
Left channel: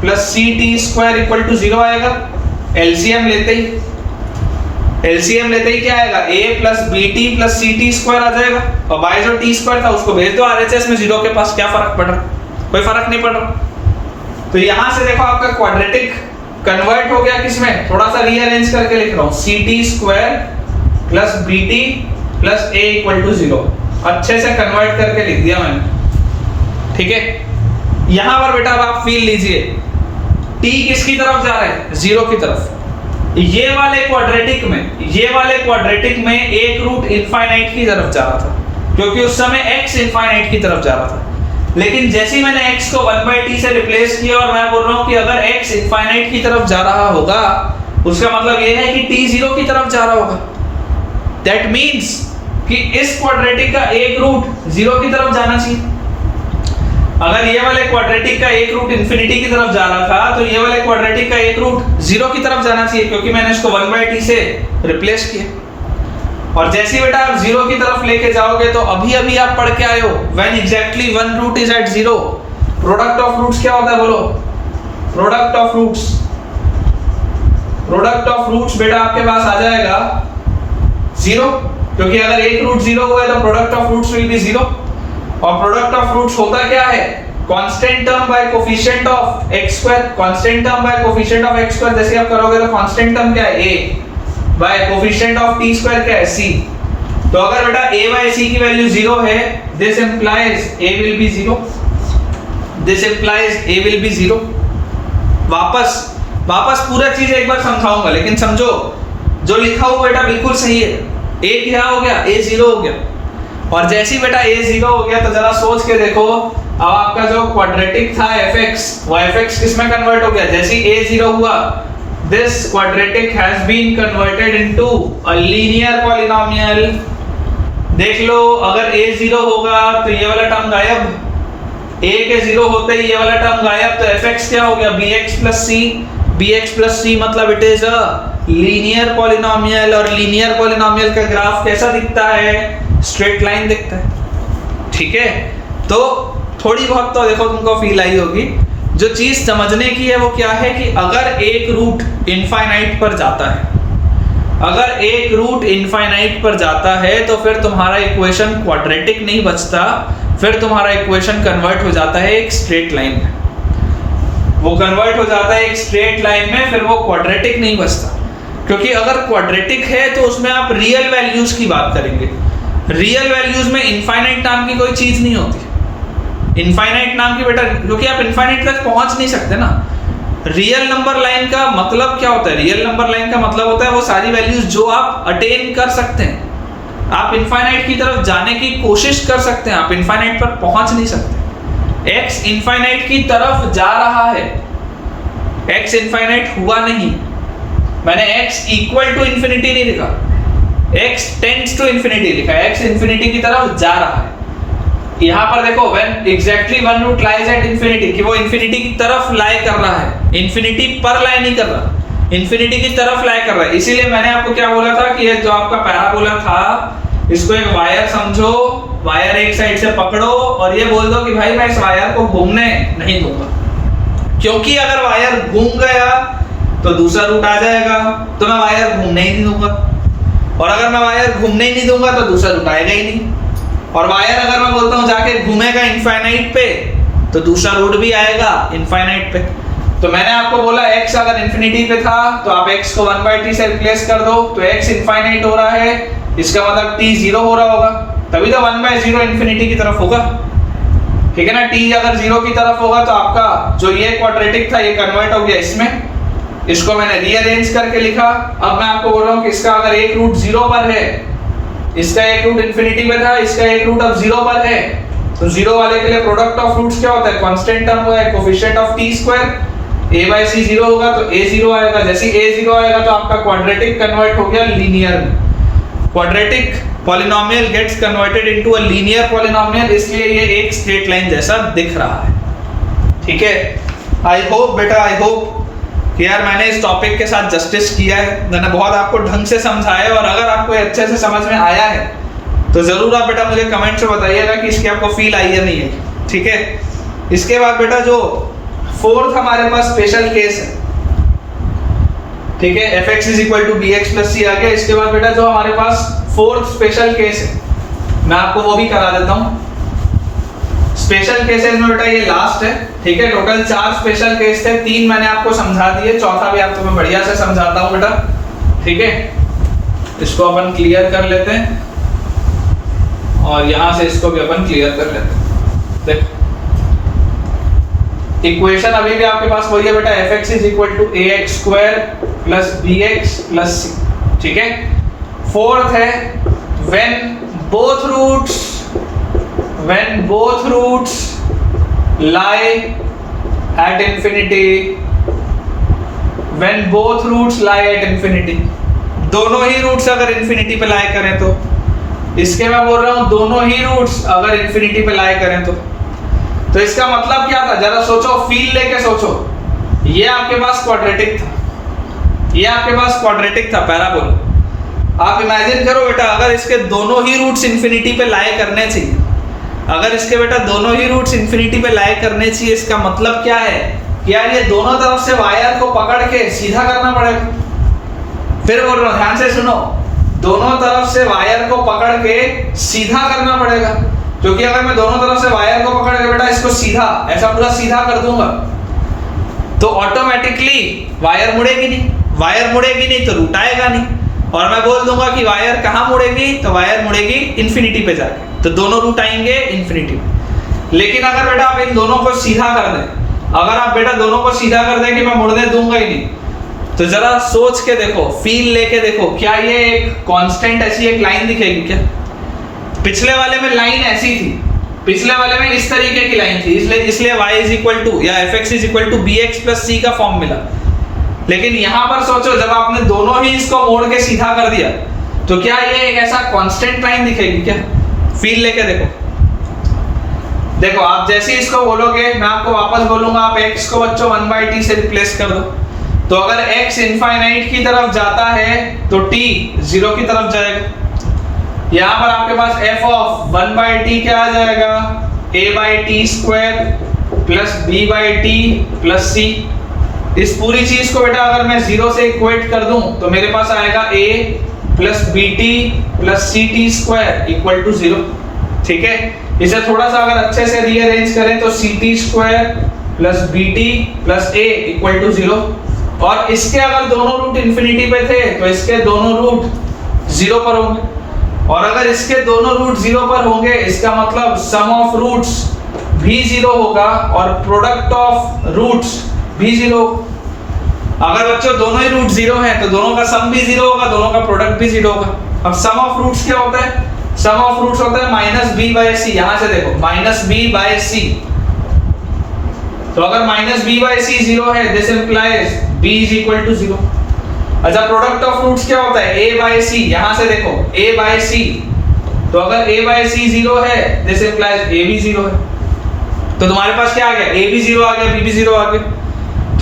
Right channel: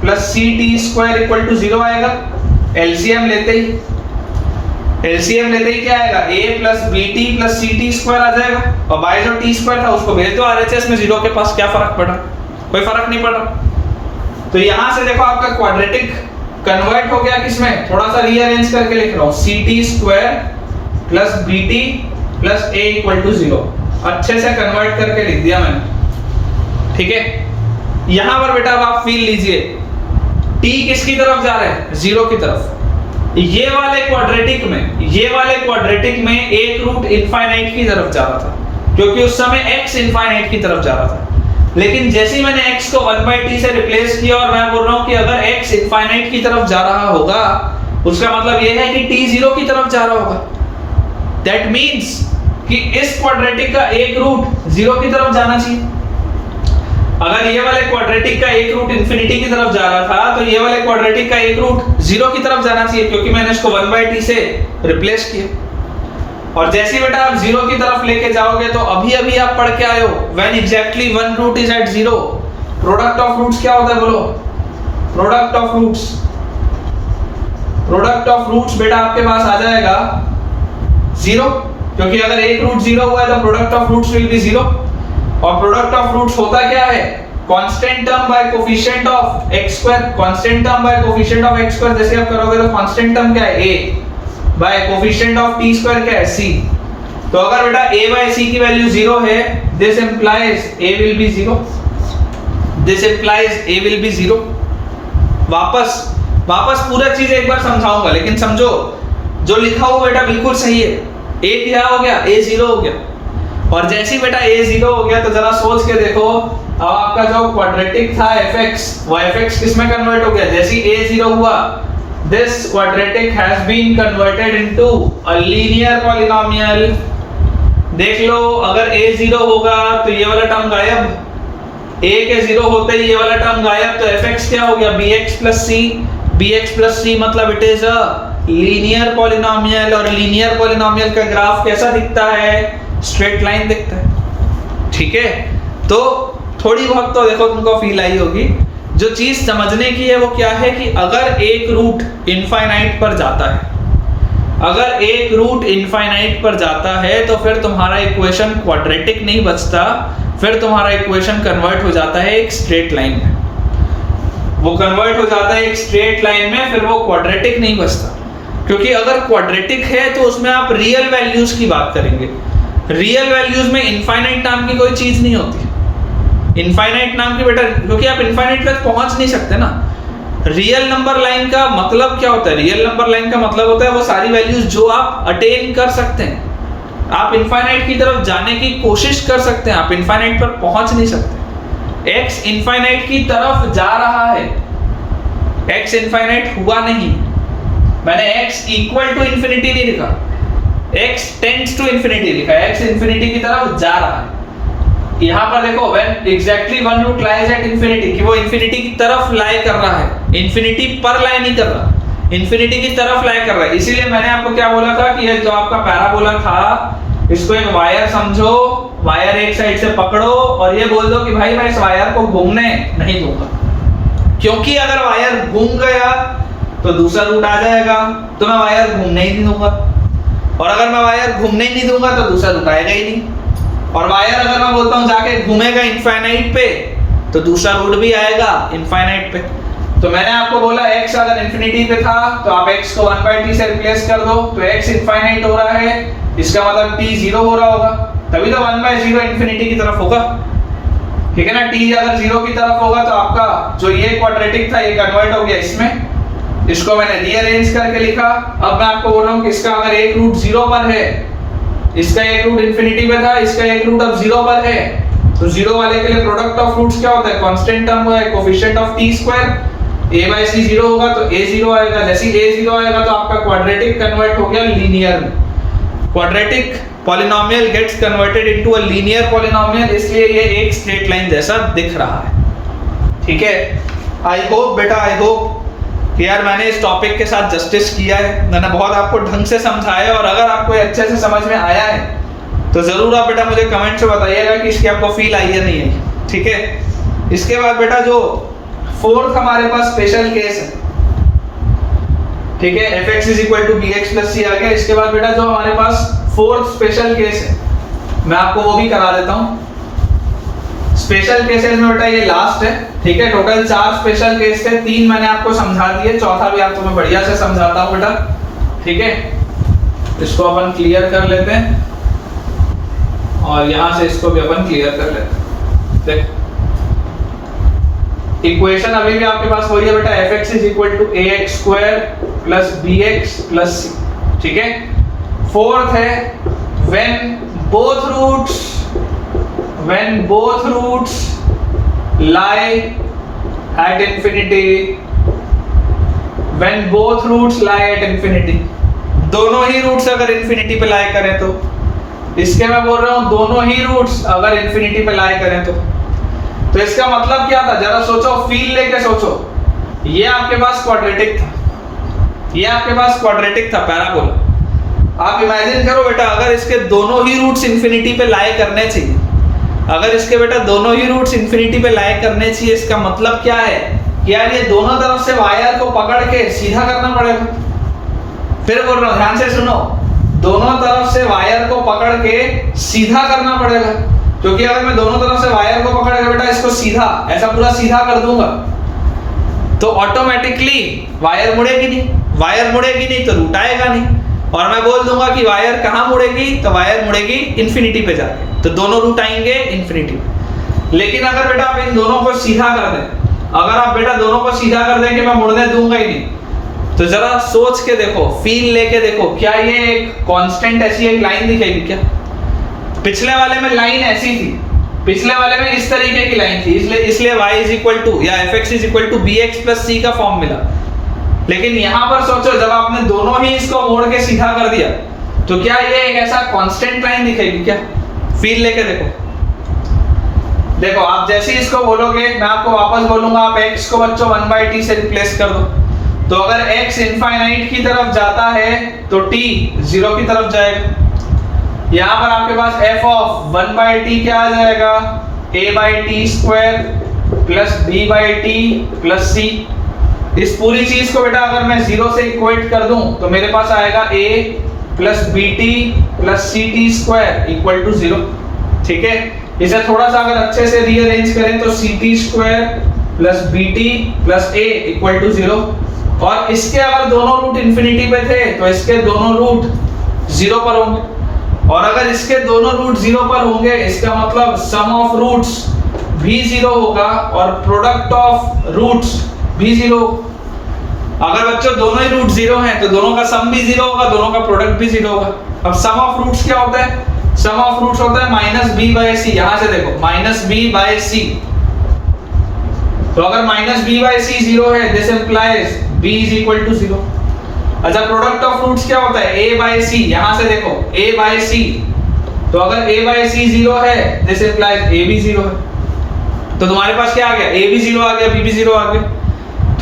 plus ct square equal to 0 आएगा। एलसीएम लेते ही क्या आएगा, a plus bt plus ct square आ जाएगा, और बाय जो t स्क्वायर था उसको भेज दो आरएचएस में, 0 के पास क्या फर्क पड़ रहा, कोई फर्क नहीं पड़ रहा। तो यहां से देखो आपका क्वाड्रेटिक कन्वर्ट हो गया किसमें, थोड़ा सा रीअरेंज करके लिख रहा हूं, ct square plus bt plus a equal to 0, अच्छे से कन्वर्ट करके लिख दिया मैंने, ठीक है। यहां पर बेटा अब आप फील लीजिए, t किसकी तरफ जा रहा है, 0 की तरफ। ये वाले क्वाड्रेटिक में एक रूट इनफाइनाइट की तरफ जा रहा था, क्योंकि उस समय x इनफाइनाइट की तरफ जा रहा था। लेकिन जैसे ही मैंने x को 1/t से रिप्लेस किया, और मैं बोल रहा हूं कि अगर x इनफाइनाइट की तरफ जा रहा होगा, उसका मतलब ये है कि t 0 की तरफ जा रहा होगा। दैट मींस कि इस क्वाड्रेटिक का एक रूट 0 की तरफ जाना चाहिए। अगर ये वाले क्वाड्रेटिक का एक रूट इंफिनिटी की तरफ जा रहा था, तो ये वाले क्वाड्रेटिक का एक रूट 0 की तरफ जाना चाहिए, क्योंकि मैंने इसको 1/t से रिप्लेस किया। और जैसे बेटा आप 0 की तरफ लेके जाओगे, तो अभी आप पढ़ के आए हो, when exactly one root is at 0, product of roots क्या होता है, बोलो, प्रोडक्ट ऑफ रूट्स बेटा आपके पास आ जाएगा 0, क्योंकि अगर एक रूट 0 हुआ है तो product of roots will be 0। और प्रोडक्ट ऑफ रूट्स होता क्या है, constant term by coefficient of x square, constant term by coefficient of x square जैसे आप करोगे तो कांस्टेंट टर्म क्या है, a by coefficient of t square क्या है, c। तो अगर बेटा a बाय c की वैल्यू 0 है, this implies a will be 0, this implies a will be 0। वापस पूरा चीज एक बार समझाऊंगा, लेकिन समझो जो लिखा हुआ बेटा बिल्कुल सही है। a क्या हो गया, a 0 हो गया। और जैसे ही बेटा a 0 हो गया, तो जरा सोच के देखो, अब आपका जो क्वाड्रेटिक था fx, वो fx किस में कन्वर्ट हो गया, जैसे ही a 0 हुआ, this quadratic has been converted into a linear polynomial देख लो, अगर a 0 होगा तो ये वाला टर्म गायब, a के 0 होते ही ये वाला टर्म गायब, तो fx क्या हो गया, bx plus c। bx plus c मतलब it is a linear polynomial, और लीनियर पॉलिनोमियल का ग्राफ कैसा दिखता है, स्ट्रेट लाइन दिखता है। ठीक है, तो थोड़ी बहुत तो देखो तुमको फील आई होगी। जो चीज समझने की है वो क्या है कि अगर एक रूट इनफाइनाइट पर जाता है, अगर एक रूट इनफाइनाइट पर जाता है तो फिर तुम्हारा इक्वेशन क्वाड्रेटिक नहीं बचता, फिर तुम्हारा इक्वेशन कन्वर्ट हो जाता है एक स्ट्रेट लाइन में। वो कन्वर्ट हो जाता है एक स्ट्रेट लाइन में, फिर वो क्वाड्रेटिक नहीं बचता। क्योंकि अगर क्वाड्रेटिक है तो उसमें आप रियल वैल्यूज की बात करेंगे। रियल वैल्यूज में इनफाइनाइट नाम की कोई चीज नहीं होती। इनफाइनाइट नाम की बेटा, क्योंकि आप इनफाइनाइट तक पहुंच नहीं सकते ना। रियल नंबर लाइन का मतलब क्या होता है, रियल नंबर लाइन का मतलब होता है वो सारी वैल्यूज जो आप अटेन कर सकते हैं। आप इनफाइनाइट की तरफ जाने की कोशिश कर सकते हैं, आप इनफाइनाइट पर पहुंच नहीं सकते। x इनफाइनाइट की तरफ जा रहा है, x इनफाइनाइट हुआ नहीं। मैंने x इक्वल टू इंफिनिटी नहीं लिखा, x टेंड्स टू इंफिनिटी लिखा, x इंफिनिटी की तरफ जा रहा है। यहाँ पर देखो when exactly one root lies at infinity, कि वो इंफिनिटी की तरफ लाई कर रहा है, इंफिनिटी पर लाई नहीं कर रहा, इंफिनिटी की तरफ लाई कर रहा है। इसीलिए मैंने आपको क्या बोला था कि ये जो आपका पैराबोला था, इसको एक वायर समझो, वायर एक साइड से पकड़ो और ये बोल दो कि भाई मैं इस वायर को घूमने नहीं दूंगा, क्योंकि अगर वायर घूम गया तो दूसरा रूट आ जाएगा, तो मैं वायर घूमने ही नहीं दूंगा, और अगर मैं वायर घूमने ही नहीं दूंगा तो दूसरा रूट आएगा ही नहीं। और वायर अगर मैं बोलता हूं जाके घूमेगा इनफाइनाइट पे, तो दूसरा रूट भी आएगा इनफाइनाइट पे। तो मैंने आपको बोला x अगर इंफिनिटी पे था तो आप x को 1/t से रिप्लेस कर दो, तो x इनफाइनाइट हो रहा है, इसका मतलब t 0 हो रहा होगा, तभी तो 1/0 इंफिनिटी की तरफ होगा। ठीक है ना, t अगर 0 की तरफ होगा तो आपका जो ये क्वाड्रेटिक था ये कन्वर्ट हो गया इसमें, इसको मैंने रीअरेंज करके लिखा। अब मैं आपको बोल रहा हूं कि इसका अगर एक रूट 0 पर है, इसका एक रूट इंफिनिटी पे था, इसका एक रूट अब 0 पर है, तो 0 वाले के लिए प्रोडक्ट ऑफ रूट्स क्या होता है, कांस्टेंट टर्म होता है coefficient of t square. a/c 0 होगा तो a 0 आएगा, जैसे a 0 आएगा तो आपका क्वाड्रेटिक कन्वर्ट हो गया लीनियर में। Quadratic polynomial gets converted into a linear polynomial, इसलिए ये एक स्ट्रेट लाइन जैसा दिख रहा है। ठीक है, आई होप बेटा, आई होप कि यार मैंने इस टॉपिक के साथ जस्टिस किया है, मैंने बहुत आपको ढंग से समझाया, और अगर आपको अच्छे से समझ में आया है तो जरूर आप बेटा मुझे कमेंट से बताइएगा कि इसकी आपको फील आई है नहीं है। ठीक है, इसके बाद बेटा जो फोर्थ हमारे पास स्पेशल केस है, ठीक है, fx is equal to bx plus c आ गया। इसके बाद बेटा जो हमारे पास फोर्थ स्पेशल केस है, मैं आपको वो भी करा देता हूँ। स्पेशल केसेस में बेटा ये लास्ट है। ठीक है, टोटल 4 स्पेशल केस थे, 3 मैंने आपको समझा दिए, चौथा भी आपको मैं बढ़िया से समझाता हूँ बेटा। ठीक है, इसको अपन क्लियर कर लेते हैं और यहां से इसको भी अपन क्लियर कर लेते हैं। देखो इक्वेशन अभी भी आपके पास वही है बेटा, fx is equal to ax square plus bx plus c। ठीक है, फोर्थ है when both roots lie at infinity, when both roots lie at infinity, दोनों ही रूट्स अगर इंफिनिटी पे लाई करें तो, इसके मैं बोल रहा हूं दोनों ही रूट्स अगर इंफिनिटी पे लाई करें तो इसका मतलब क्या था, जरा सोचो, फील लेके सोचो। ये आपके पास क्वाड्रेटिक था, ये आपके पास क्वाड्रेटिक था पैराबोला। आप इमेजिन करो बेटा, अगर इसके दोनों ही रूट्स इंफिनिटी पे लाई करने चाहिए, अगर इसके बेटा दोनों ही रूट्स इंफिनिटी पे लाई करने चाहिए, इसका मतलब क्या है कि यार ये दोनों तरफ से वायर को पकड़ के सीधा करना पड़ेगा। फिर बोल रहा हूं, ध्यान से सुनो, दोनों तरफ से वायर को पकड़ के सीधा करना पड़ेगा, क्योंकि अगर मैं दोनों तरफ से वायर को पकड़ के बेटा इसको सीधा, ऐसा पूरा सीधा कर दूंगा तो ऑटोमेटिकली वायर मुड़ेगी नहीं, वायर मुड़ेगी नहीं तो रूट आएगा नहीं, और मैं बोल दूंगा कि वायर कहाँ मुड़ेगी, तो वायर मुड़ेगी इंफिनिटी पे जाके, तो दोनों रूट आएंगे इंफिनिटी पे। लेकिन अगर बेटा आप इन दोनों को सीधा कर दें, अगर आप बेटा दोनों को सीधा कर दें कि मैं मुड़ने दूंगा ही नहीं, तो जरा सोच के देखो, फील लेके देखो, क्या ये एक कांस्टेंट ऐसी एक लाइन दिखेगी क्या? पिछले वाले में लाइन ऐसी थी, पिछले वाले में इस तरीके की लाइन थी, इसलिए y इज इक्वल टू या fx is equal to bx plus c का फॉर्म मिला। लेकिन यहां पर सोचो, जब आपने दोनों ही इसको मोड़ के सीधा कर दिया, तो क्या ये एक ऐसा कांस्टेंट लाइन दिखेगी क्या? फील लेके देखो। देखो आप जैसे ही इसको बोलोगे, मैं आपको वापस बोलूंगा, आप x को बच्चों 1/t से रिप्लेस कर दो। तो अगर x इनफाइनाइट की तरफ जाता है तो t 0 की तरफ जाएगा। यहां पर आपके पास f ऑफ 1/t क्या आ जाएगा? a/t² plus b/t plus c। इस पूरी चीज को बेटा अगर मैं 0 से इक्वेट कर दूं तो मेरे पास आएगा a plus bt plus ct² equal to 0। ठीक है, इसे थोड़ा सा अगर अच्छे से रीअरेंज करें तो ct² plus bt plus a equal to 0। और इसके अगर दोनों रूट इंफिनिटी पे थे तो इसके दोनों रूट 0 पर होंगे, और अगर इसके दोनों रूट 0 पर होंगे इसका मतलब सम ऑफ रूट्स भी 0 होगा और प्रोडक्ट ऑफ रूट्स भी 0। अगर बच्चों दोनों ही रूट 0 हैं तो दोनों का सम भी 0 होगा, दोनों का प्रोडक्ट भी 0 होगा। अब सम ऑफ रूट्स क्या होता है? सम ऑफ रूट्स होता है माइनस बी बाय सी। यहां से देखो माइनस बी बाय सी, तो अगर माइनस बी बाय सी 0 है this implies b is equal to 0। अच्छा, प्रोडक्ट ऑफ रूट्स क्या होता है? a by c। यहां से देखो a बाय c, तो अगर a बाय c 0 है दिस इंप्लाइज a भी 0 है। तो तुम्हारे पास क्या आ गया? a भी 0 आ गया, b भी 0 आ गया।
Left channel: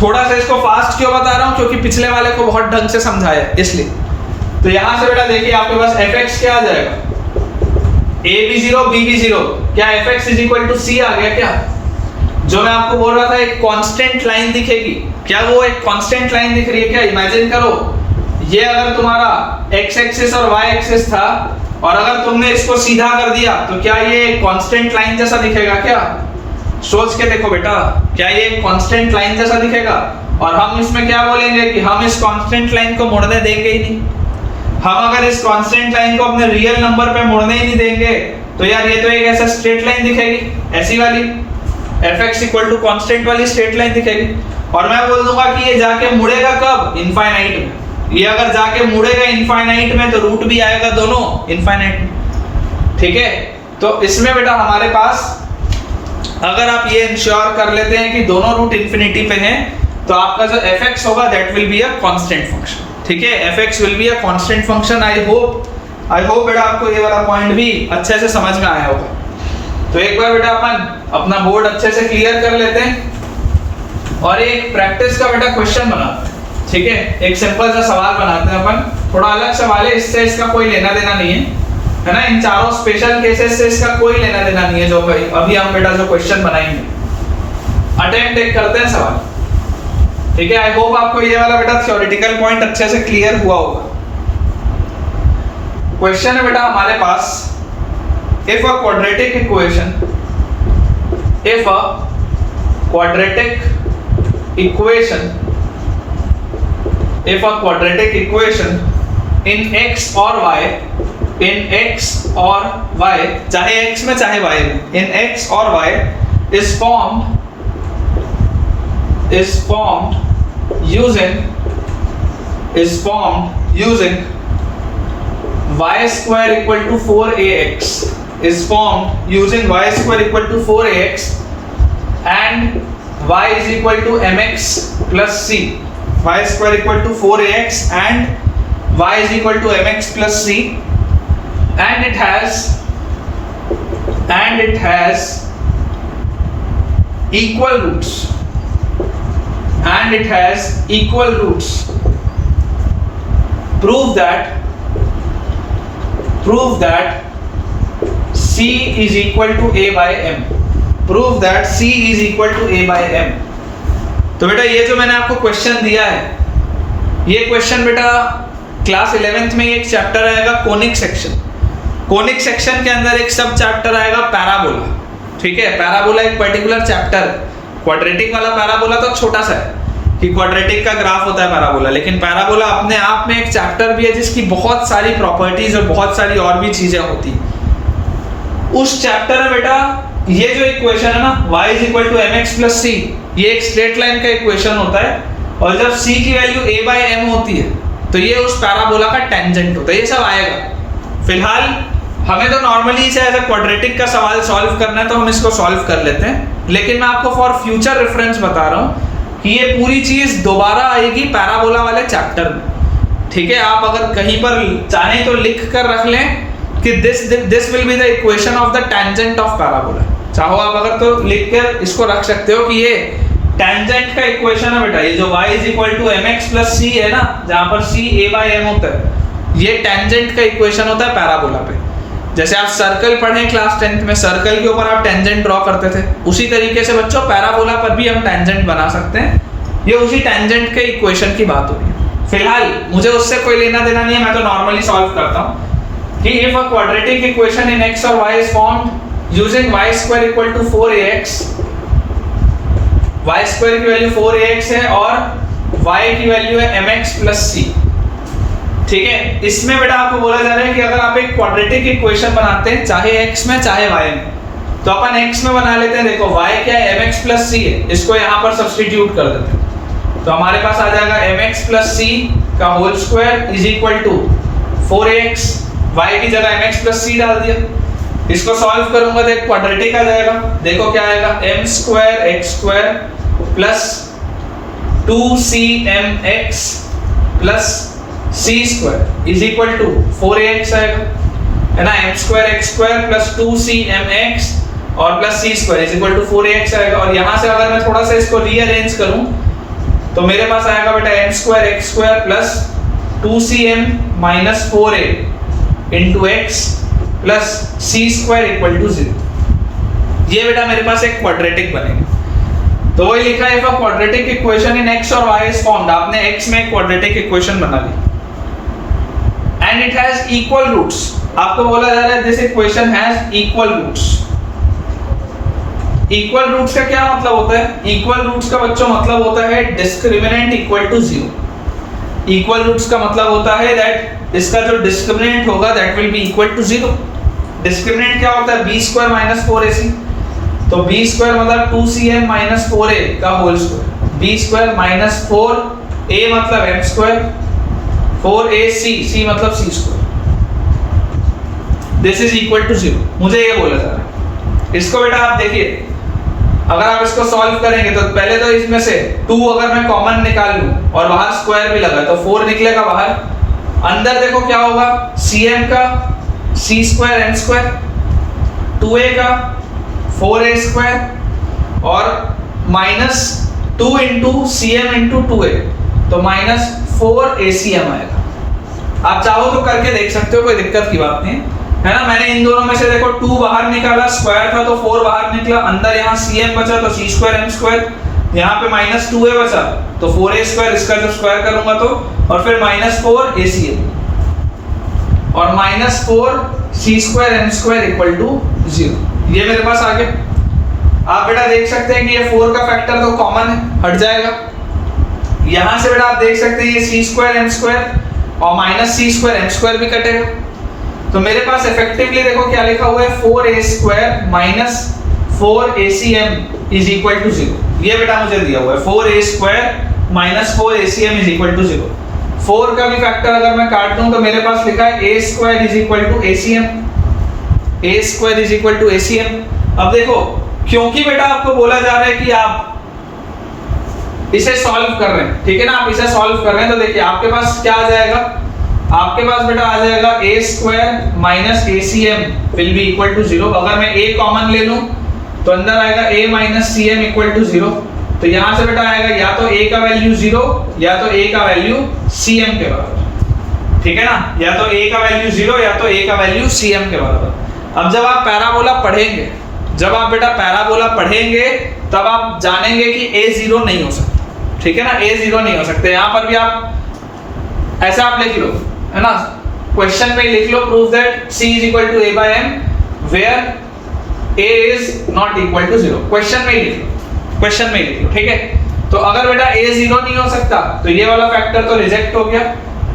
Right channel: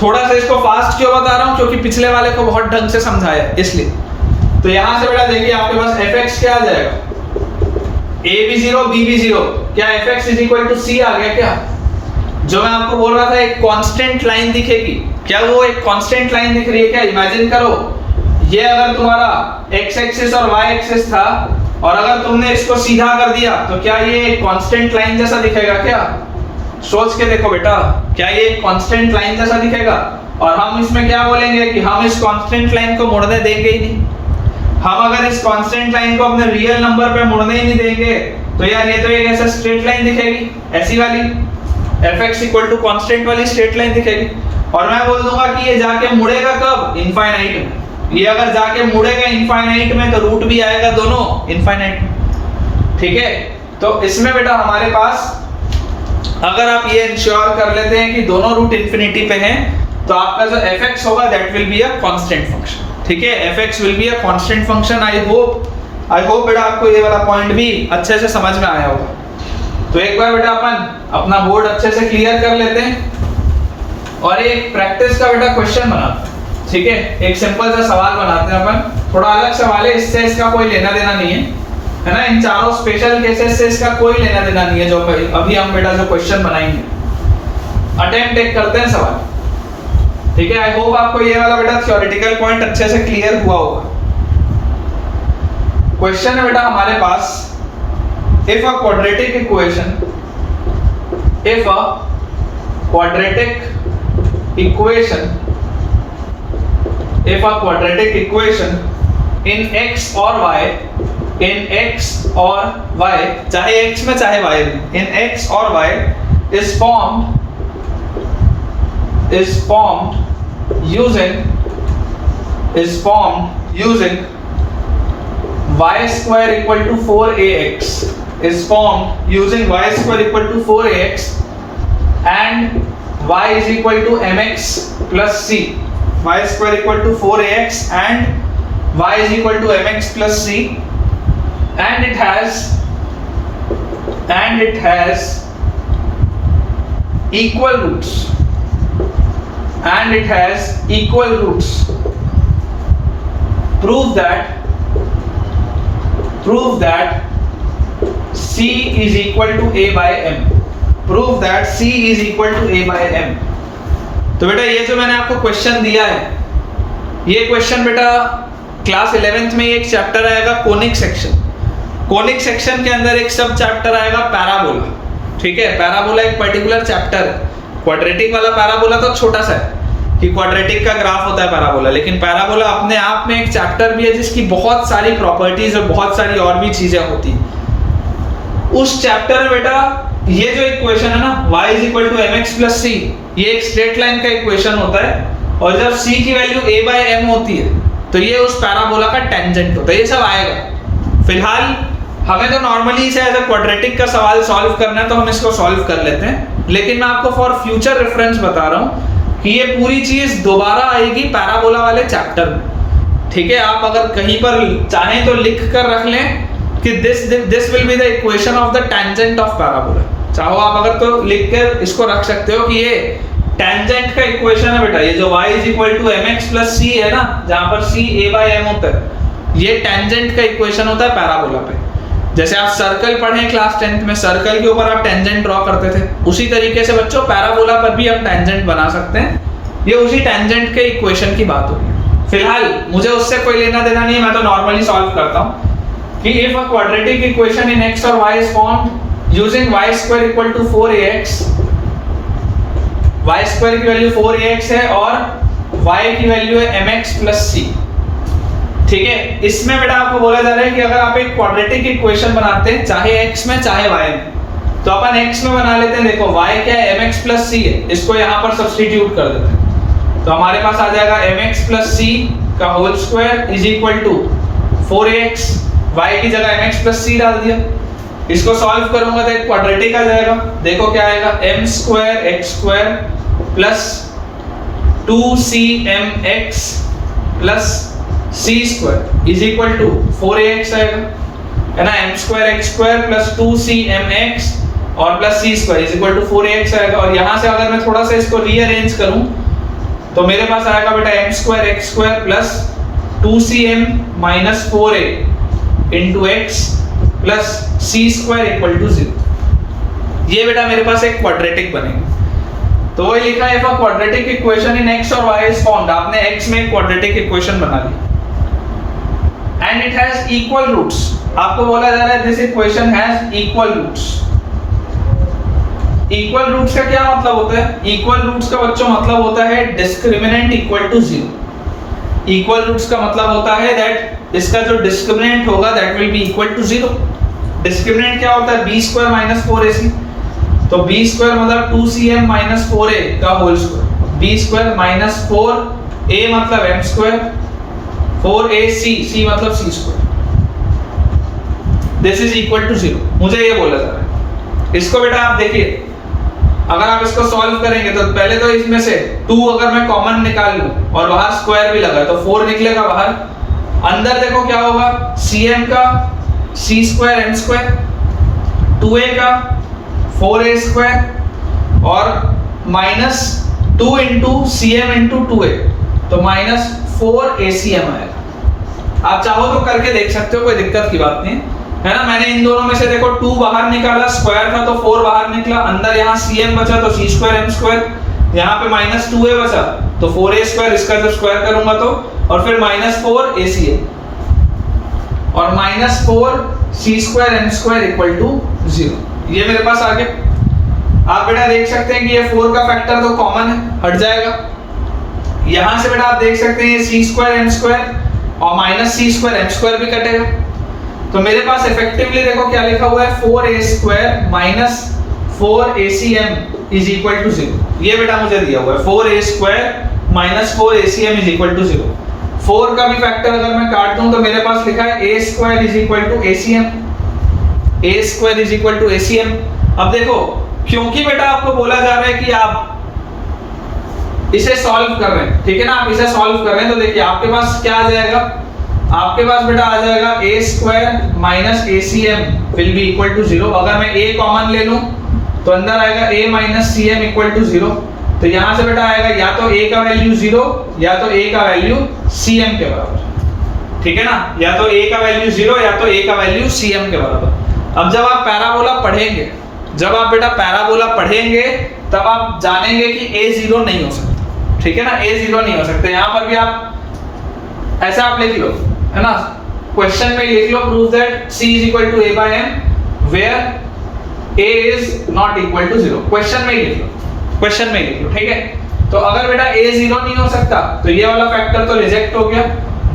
थोड़ा सा इसको फास्ट क्यों बता रहा हूं? क्योंकि पिछले वाले को बहुत ढंग से समझाया इसलिए। तो यहां से बेटा देखिए आपके पास fx क्या आ जाएगा? a भी 0 b भी 0। क्या fx is equal to c आ गया क्या? जो मैं आपको बोल रहा था एक कांस्टेंट लाइन दिखेगी, क्या वो एक कांस्टेंट लाइन दिख रही है क्या? इमेजिन करो ये अगर तुम्हारा x एक्सिस और y एक्सिस था और अगर तुमने इसको सीधा कर दिया तो क्या ये एक कांस्टेंट लाइन जैसा दिखेगा क्या? सोच के देखो बेटा, क्या ये एक कांस्टेंट लाइन जैसा दिखेगा? और हम इसमें क्या बोलेंगे कि हम इस कांस्टेंट लाइन को मुड़ने देंगे ही नहीं। हम अगर इस कांस्टेंट लाइन को अपने रियल नंबर पे मुड़ने ही नहीं देंगे तो यार ये तो एक ऐसा स्ट्रेट लाइन दिखेगी, ऐसी वाली fx इक्वल टू कांस्टेंट वाली स्ट्रेट लाइन दिखेगी। और मैं बोल दूंगा कि ये जाके मुड़ेगा कब? इनफाइनाइट में। ये अगर जाके मुड़ेगा इनफाइनाइट में तो रूट भी आएगा दोनों इनफाइनाइट में। ठीक है, तो इसमें बेटा हमारे पास अगर आप ये इंश्योर कर लेते हैं कि दोनों रूट इंफिनिटी पे हैं तो आपका जो fx होगा that will be a constant function. ठीक है, fx will be a constant function. I hope बेटा आपको ये वाला पॉइंट भी अच्छे से समझ में आया होगा। तो एक बार बेटा अपन अपना बोर्ड अच्छे से क्लियर कर लेते हैं और एक प्रैक्टिस का बेटा क्वेश्चन बनाते हैं। ठीक है, एक सिंपल सा सवाल बनाते हैं अपन। थोड़ा अलग सवाल है, इससे इसका कोई लेना देना नहीं है ना। इन चारों स्पेशल केसेस से इसका कोई लेना देना नहीं है जो अभी हम बेटा जो क्वेश्चन बनाएंगे। अटेम्प्ट एक करते हैं सवाल। ठीक है, आई होप आपको ये वाला बेटा थ्योरेटिकल पॉइंट अच्छे से क्लियर हुआ होगा। क्वेश्चन है बेटा हमारे पास, if a quadratic equation in x or y चाहे x में चाहे y में, in x or y is formed using y square equal to 4ax is formed using y square equal to 4ax and y is equal to mx plus c. Y square equal to 4ax and y is equal to mx plus c, and it has equal roots. Prove that C is equal to A by M. Prove that C is equal to A by M. तो बेटा ये जो मैंने आपको question दिया है, ये question बेटा क्लास 11th में एक चैप्टर आएगा कोनिक सेक्शन। कोनिक सेक्शन के अंदर एक सब चैप्टर आएगा पैराबोला। ठीक है, पैराबोला एक पर्टिकुलर चैप्टर। क्वाड्रेटिक वाला पैराबोला तो छोटा सा है कि क्वाड्रेटिक का ग्राफ होता है पैराबोला, लेकिन पैराबोला अपने आप में एक चैप्टर भी है जिसकी बहुत सारी प्रॉपर्टीज और बहुत सारी और भी चीजें होती हैं। उस चैप्टर में बेटा ये जो इक्वेशन है ना y is equal to mx plus c, ये एक स्ट्रेट लाइन का इक्वेशन होता है और जब c की वैल्यू a by m होती है तो ये उस पैराबोला का टेंजेंट होता है। ये सब आएगा। फिलहाल हमें तो नॉर्मली इसे एज अ क्वाड्रेटिक का सवाल सॉल्व करना है तो हम इसको सॉल्व कर लेते हैं, लेकिन मैं आपको फॉर फ्यूचर रेफरेंस बता रहा हूँ कि ये पूरी चीज दोबारा आएगी पैराबोला वाले चैप्टर में। ठीक है, आप अगर कहीं पर चाहें तो लिख कर रख लें कि this will be the equation of the tangent of parabola. चाहो आप अगर तो लिख कर इसको रख सकते हो कि ये टेंजेंट का इक्वेशन है बेटा, ये जो y is equal to mx plus c है ना, जहां पर c a/m होता है, ये टेंजेंट का इक्वेशन होता है पैराबोला पे। जैसे आप सर्कल पढ़े क्लास 10th में, सर्कल के ऊपर आप टेंजेंट ड्रॉ करते थे, उसी तरीके से बच्चों पैराबोला पर भी हम टेंजेंट बना सकते हैं। ये उसी टेंजेंट के इक्वेशन की बात हो रही है। फिलहाल मुझे उससे कोई लेना देना नहीं है, मैं तो नॉर्मली सॉल्व करता हूँ कि if a quadratic equation in x और y is formed using y square equal to 4ax, y square की वैल्यू 4ax है और y की वैल्यू है mx प्लस c। ठीक है, इसमें बेटा आपको बोला जा रहा है कि अगर आप एक क्वाड्रेटिक इक्वेशन बनाते हैं चाहे x में चाहे y में, तो अपन x में बना लेते हैं। देखो y क्या है, mx प्लस c है, इसको यहाँ पर सब्स्टिट्यूट कर देते हैं, तो हमारे पास आ जाएगा mx प्लस c का whole square is equal to 4ax, y की जगह mx प्लस c डाल दिया। इसको सॉल्व करूंगा तो एक क्वाड्रेटिक आ जाएगा। देखो क्या आएगा, m square x square plus 2cmx plus c square is equal to 4ax आएगा, है ना। m square x square plus 2cmx और plus c square is equal to 4ax आएगा। और यहाँ से अगर मैं थोड़ा सा इसको रीअरेंज करूं तो मेरे पास आएगा बेटा m square x square plus 2cm minus 4a into x plus c square equal to 0। ये बेटा मेरे पास एक क्वाड्रेटिक बनेगा। तो वही लिखा है, if a quadratic equation in x और y इज फॉर्म्ड, आपने x में एक क्वाड्रेटिक इक्वेशन बना ली and it has equal roots. आपको बोला जा रहा है this equation has equal roots. Equal roots का क्या मतलब होता है? इक्वल रूट्स का बच्चों मतलब होता है discriminant equal to 0। Equal roots का मतलब होता है दैट इसका जो डिस्क्रिमिनेंट होगा that will be equal to 0। Discriminant क्या होता है? b स्क्वायर माइनस 4ac, तो b स्क्वायर मतलब 2cm माइनस 4a का whole square, b square minus 4a मतलब m स्क्वायर, 4ac, c मतलब c square, this is equal to 0। मुझे ये बोला जा रहा है। इसको बेटा आप देखिए, अगर आप इसको सॉल्व करेंगे तो पहले तो इसमें से 2 अगर मैं कॉमन निकाल लूं और बाहर स्क्वायर भी लगा तो 4 निकलेगा बाहर। अंदर देखो क्या होगा, cm का c square m square, 2a का 4a स्क्वायर और minus 2 into cm into 2a, तो माइनस 4acm आएगा। आप चाहो तो करके देख सकते हो, कोई दिक्कत की बात नहीं है ना। मैंने इन दोनों में से देखो 2 बाहर निकाला, स्क्वायर था तो 4 बाहर निकला, अंदर यहाँ cm बचा तो c स्क्वायर m स्क्वायर, यहाँ पे माइनस 2a बचा तो 4a स्क्वायर, इसका जो स्क्वायर करूंगा तो, और फिर माइनस 4acm और minus 4c square m square equal to 0। ये मेरे पास आ गया। आप बेटा देख सकते हैं कि ये 4 का फैक्टर तो कॉमन है, हट जाएगा। यहां से बेटा आप देख सकते हैं ये c स्क्वायर m स्क्वायर और minus c square m square भी कटेगा। तो मेरे पास इफेक्टिवली देखो क्या लिखा हुआ है, 4a square minus 4acm is equal to 0। ये बेटा मुझे दिया हुआ है 4a square minus 4acm is equal to 0। 4 का भी फैक्टर अगर मैं काट दूं तो मेरे पास लिखा है a square is equal to acm, a square is equal to acm। अब देखो, क्योंकि बेटा आपको बोला जा रहा है कि आप इसे सॉल्व कर रहे हैं, ठीक है ना, आप इसे सॉल्व कर रहे हैं, तो देखिए आपके पास क्या आ जाएगा, आपके पास बेटा आ जाएगा a square minus acm will be equal to 0। अगर मैं a कॉमन ले लूं तो अंदर आएगा a minus cm equal to 0। तो यहां से बेटा आएगा या तो a का वैल्यू 0 या तो a का वैल्यू cm के बराबर, ठीक है ना, या तो a का वैल्यू 0 या तो a का वैल्यू cm के बराबर। अब जब आप पैराबोला पढ़ेंगे, जब आप बेटा पैराबोला पढ़ेंगे तब आप जानेंगे कि a 0 नहीं हो सकता, ठीक है ना, a 0 नहीं हो सकते। यहाँ पर भी आप ऐसा आप लिख लो, है ना, क्वेश्चन में लिख लो, prove that c is equal to a by m where a is not equal to 0। Question में ही लिख लो, क्वेश्चन में ही लिख लो, ठीक है। तो अगर बेटा a 0 नहीं हो सकता तो ये वाला फैक्टर तो रिजेक्ट हो गया,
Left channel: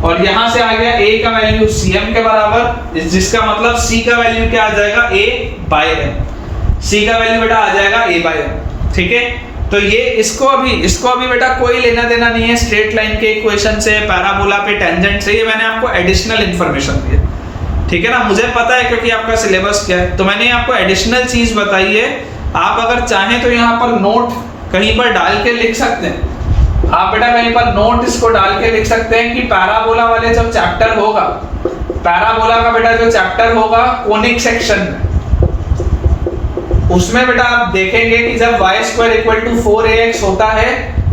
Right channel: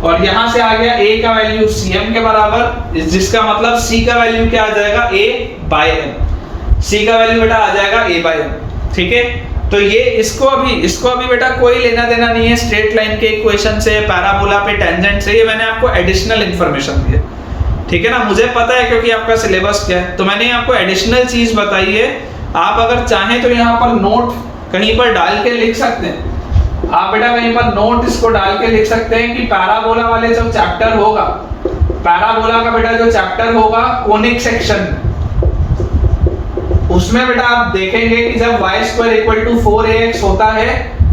और यहां से आ गया a का वैल्यू cm के बराबर, जिसका मतलब c का वैल्यू क्या आ जाएगा, a बाय m। c का वैल्यू बेटा आ जाएगा a बाय m, ठीक है। तो ये इसको अभी बेटा कोई लेना देना नहीं है स्ट्रेट लाइन के इक्वेशन से, पैराबोला पे, टेंजेंट से। ये मैंने आपको एडिशनल इंफॉर्मेशन दी है, ठीक है ना। मुझे पता है क्योंकि आपका सिलेबस क्या है, तो मैंने आपको एडिशनल चीज बताई है। आप अगर चाहें तो यहाँ पर नोट कहीं पर डाल के लिख सकते हैं आप बेटा कहीं पर नोट इसको डाल के लिख सकते हैं कि पैराबोला वाले जो चैप्टर होगा, पैराबोला का बेटा जो चैप्टर होगा कोनिक सेक्शन में, उसमें बेटा आप देखेंगे कि जब y² = 4ax होता है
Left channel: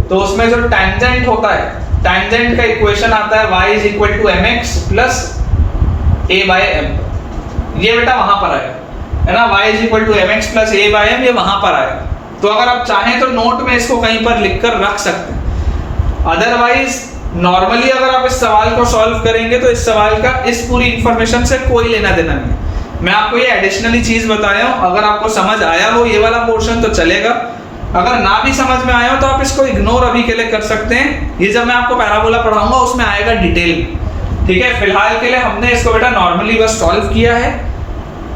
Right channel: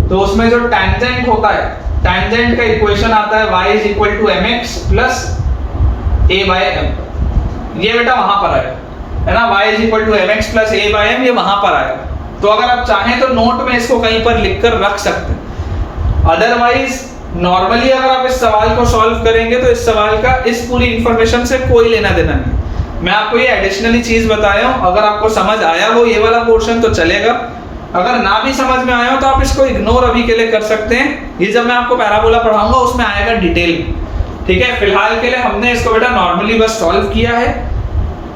तो उसमें जो टैंजेंट होता है, टैंजेंट का इक्वेशन आता है y = mx + a/m। ये बेटा वहां पर आएगा, है ना, y = mx + a/m, ये वहां पर आएगा। तो अगर आप चाहें तो नोट में इसको कहीं पर लिखकर रख सकते हैं। अदरवाइज नॉर्मली अगर आप इस सवाल को सॉल्व करेंगे तो इस सवाल का इस पूरी इंफॉर्मेशन से कोई लेना देना नहीं। मैं आपको ये एडिशनली चीज बताया हूं, अगर आपको समझ आया हो ये वाला पोर्शन तो चलेगा, अगर ना भी समझ में आया हो तो आप इसको इग्नोर अभी के लिए कर सकते हैं। ये जब मैं आपको पैराबोला पढ़ाऊंगा उसमें आएगा डिटेल, ठीक है। फिलहाल के लिए हमने इसको बेटा नॉर्मली बस सॉल्व किया है।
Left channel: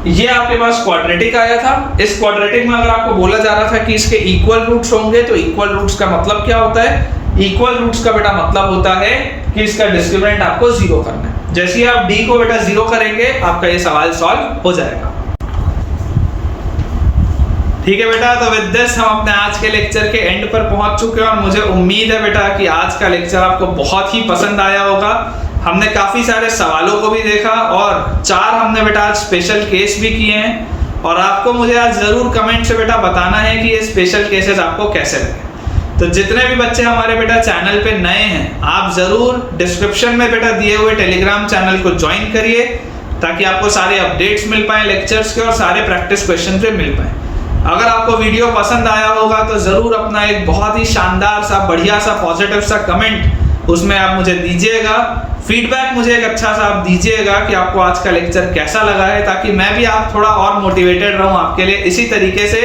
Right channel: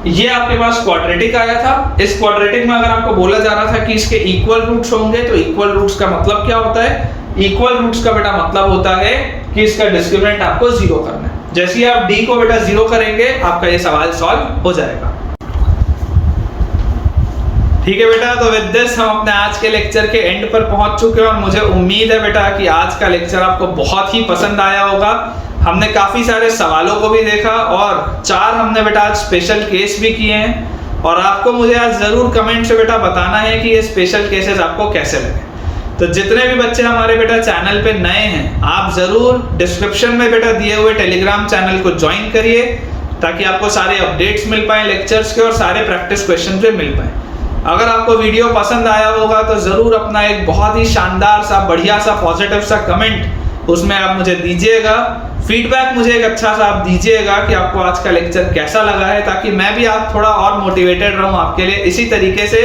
ये आपके पास क्वाड्रेटिक आया था, इस क्वाड्रेटिक में अगर आपको बोला जा रहा था कि इसके इक्वल रूट्स होंगे तो इक्वल रूट्स का मतलब क्या होता है? इक्वल रूट्स का बेटा मतलब होता है कि इसका डिस्क्रिमिनेंट आपको 0 करना है। जैसे ही आप d को बेटा 0 करेंगे आपका ये सवाल सॉल्व हो जाएगा। ठीक है बेटा, तो विद दिस हम अपने आज के लेक्चर के एंड पर पहुंच चुके हैं और मुझे उम्मीद है बेटा कि आज का लेक्चर आपको बहुत ही पसंद आया होगा। हमने काफी सारे सवालों को भी देखा और 4 हमने बेटा आज स्पेशल केस भी किए हैं, और आपको मुझे आज जरूर कमेंट से बेटा बताना है कि ये स्पेशल केसेस आपको कैसे लगे। तो जितने भी बच्चे हमारे बेटा चैनल पे नए हैं, आप जरूर डिस्क्रिप्शन में बेटा दिए हुए टेलीग्राम चैनल को ज्वाइन करिए ताकि आपको सारे अपडेट्स मिल पाए लेक्चर्स के और सारे प्रैक्टिस क्वेश्चन भी मिल पाए। अगर आपको वीडियो पसंद आया होगा तो जरूर अपना एक बहुत ही शानदार सा, बढ़िया सा, पॉजिटिव सा कमेंट उसमें आप मुझे दीजिएगा। फीडबैक मुझे एक अच्छा सा आप दीजिएगा कि आपको आज का लेक्चर कैसा लगा है, ताकि मैं भी आप थोड़ा और मोटिवेटेड रहूं आपके लिए इसी तरीके से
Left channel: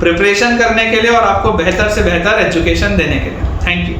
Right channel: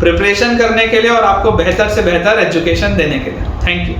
प्रिपरेशन करने के लिए और आपको बेहतर से बेहतर एजुकेशन देने के लिए। Thank you.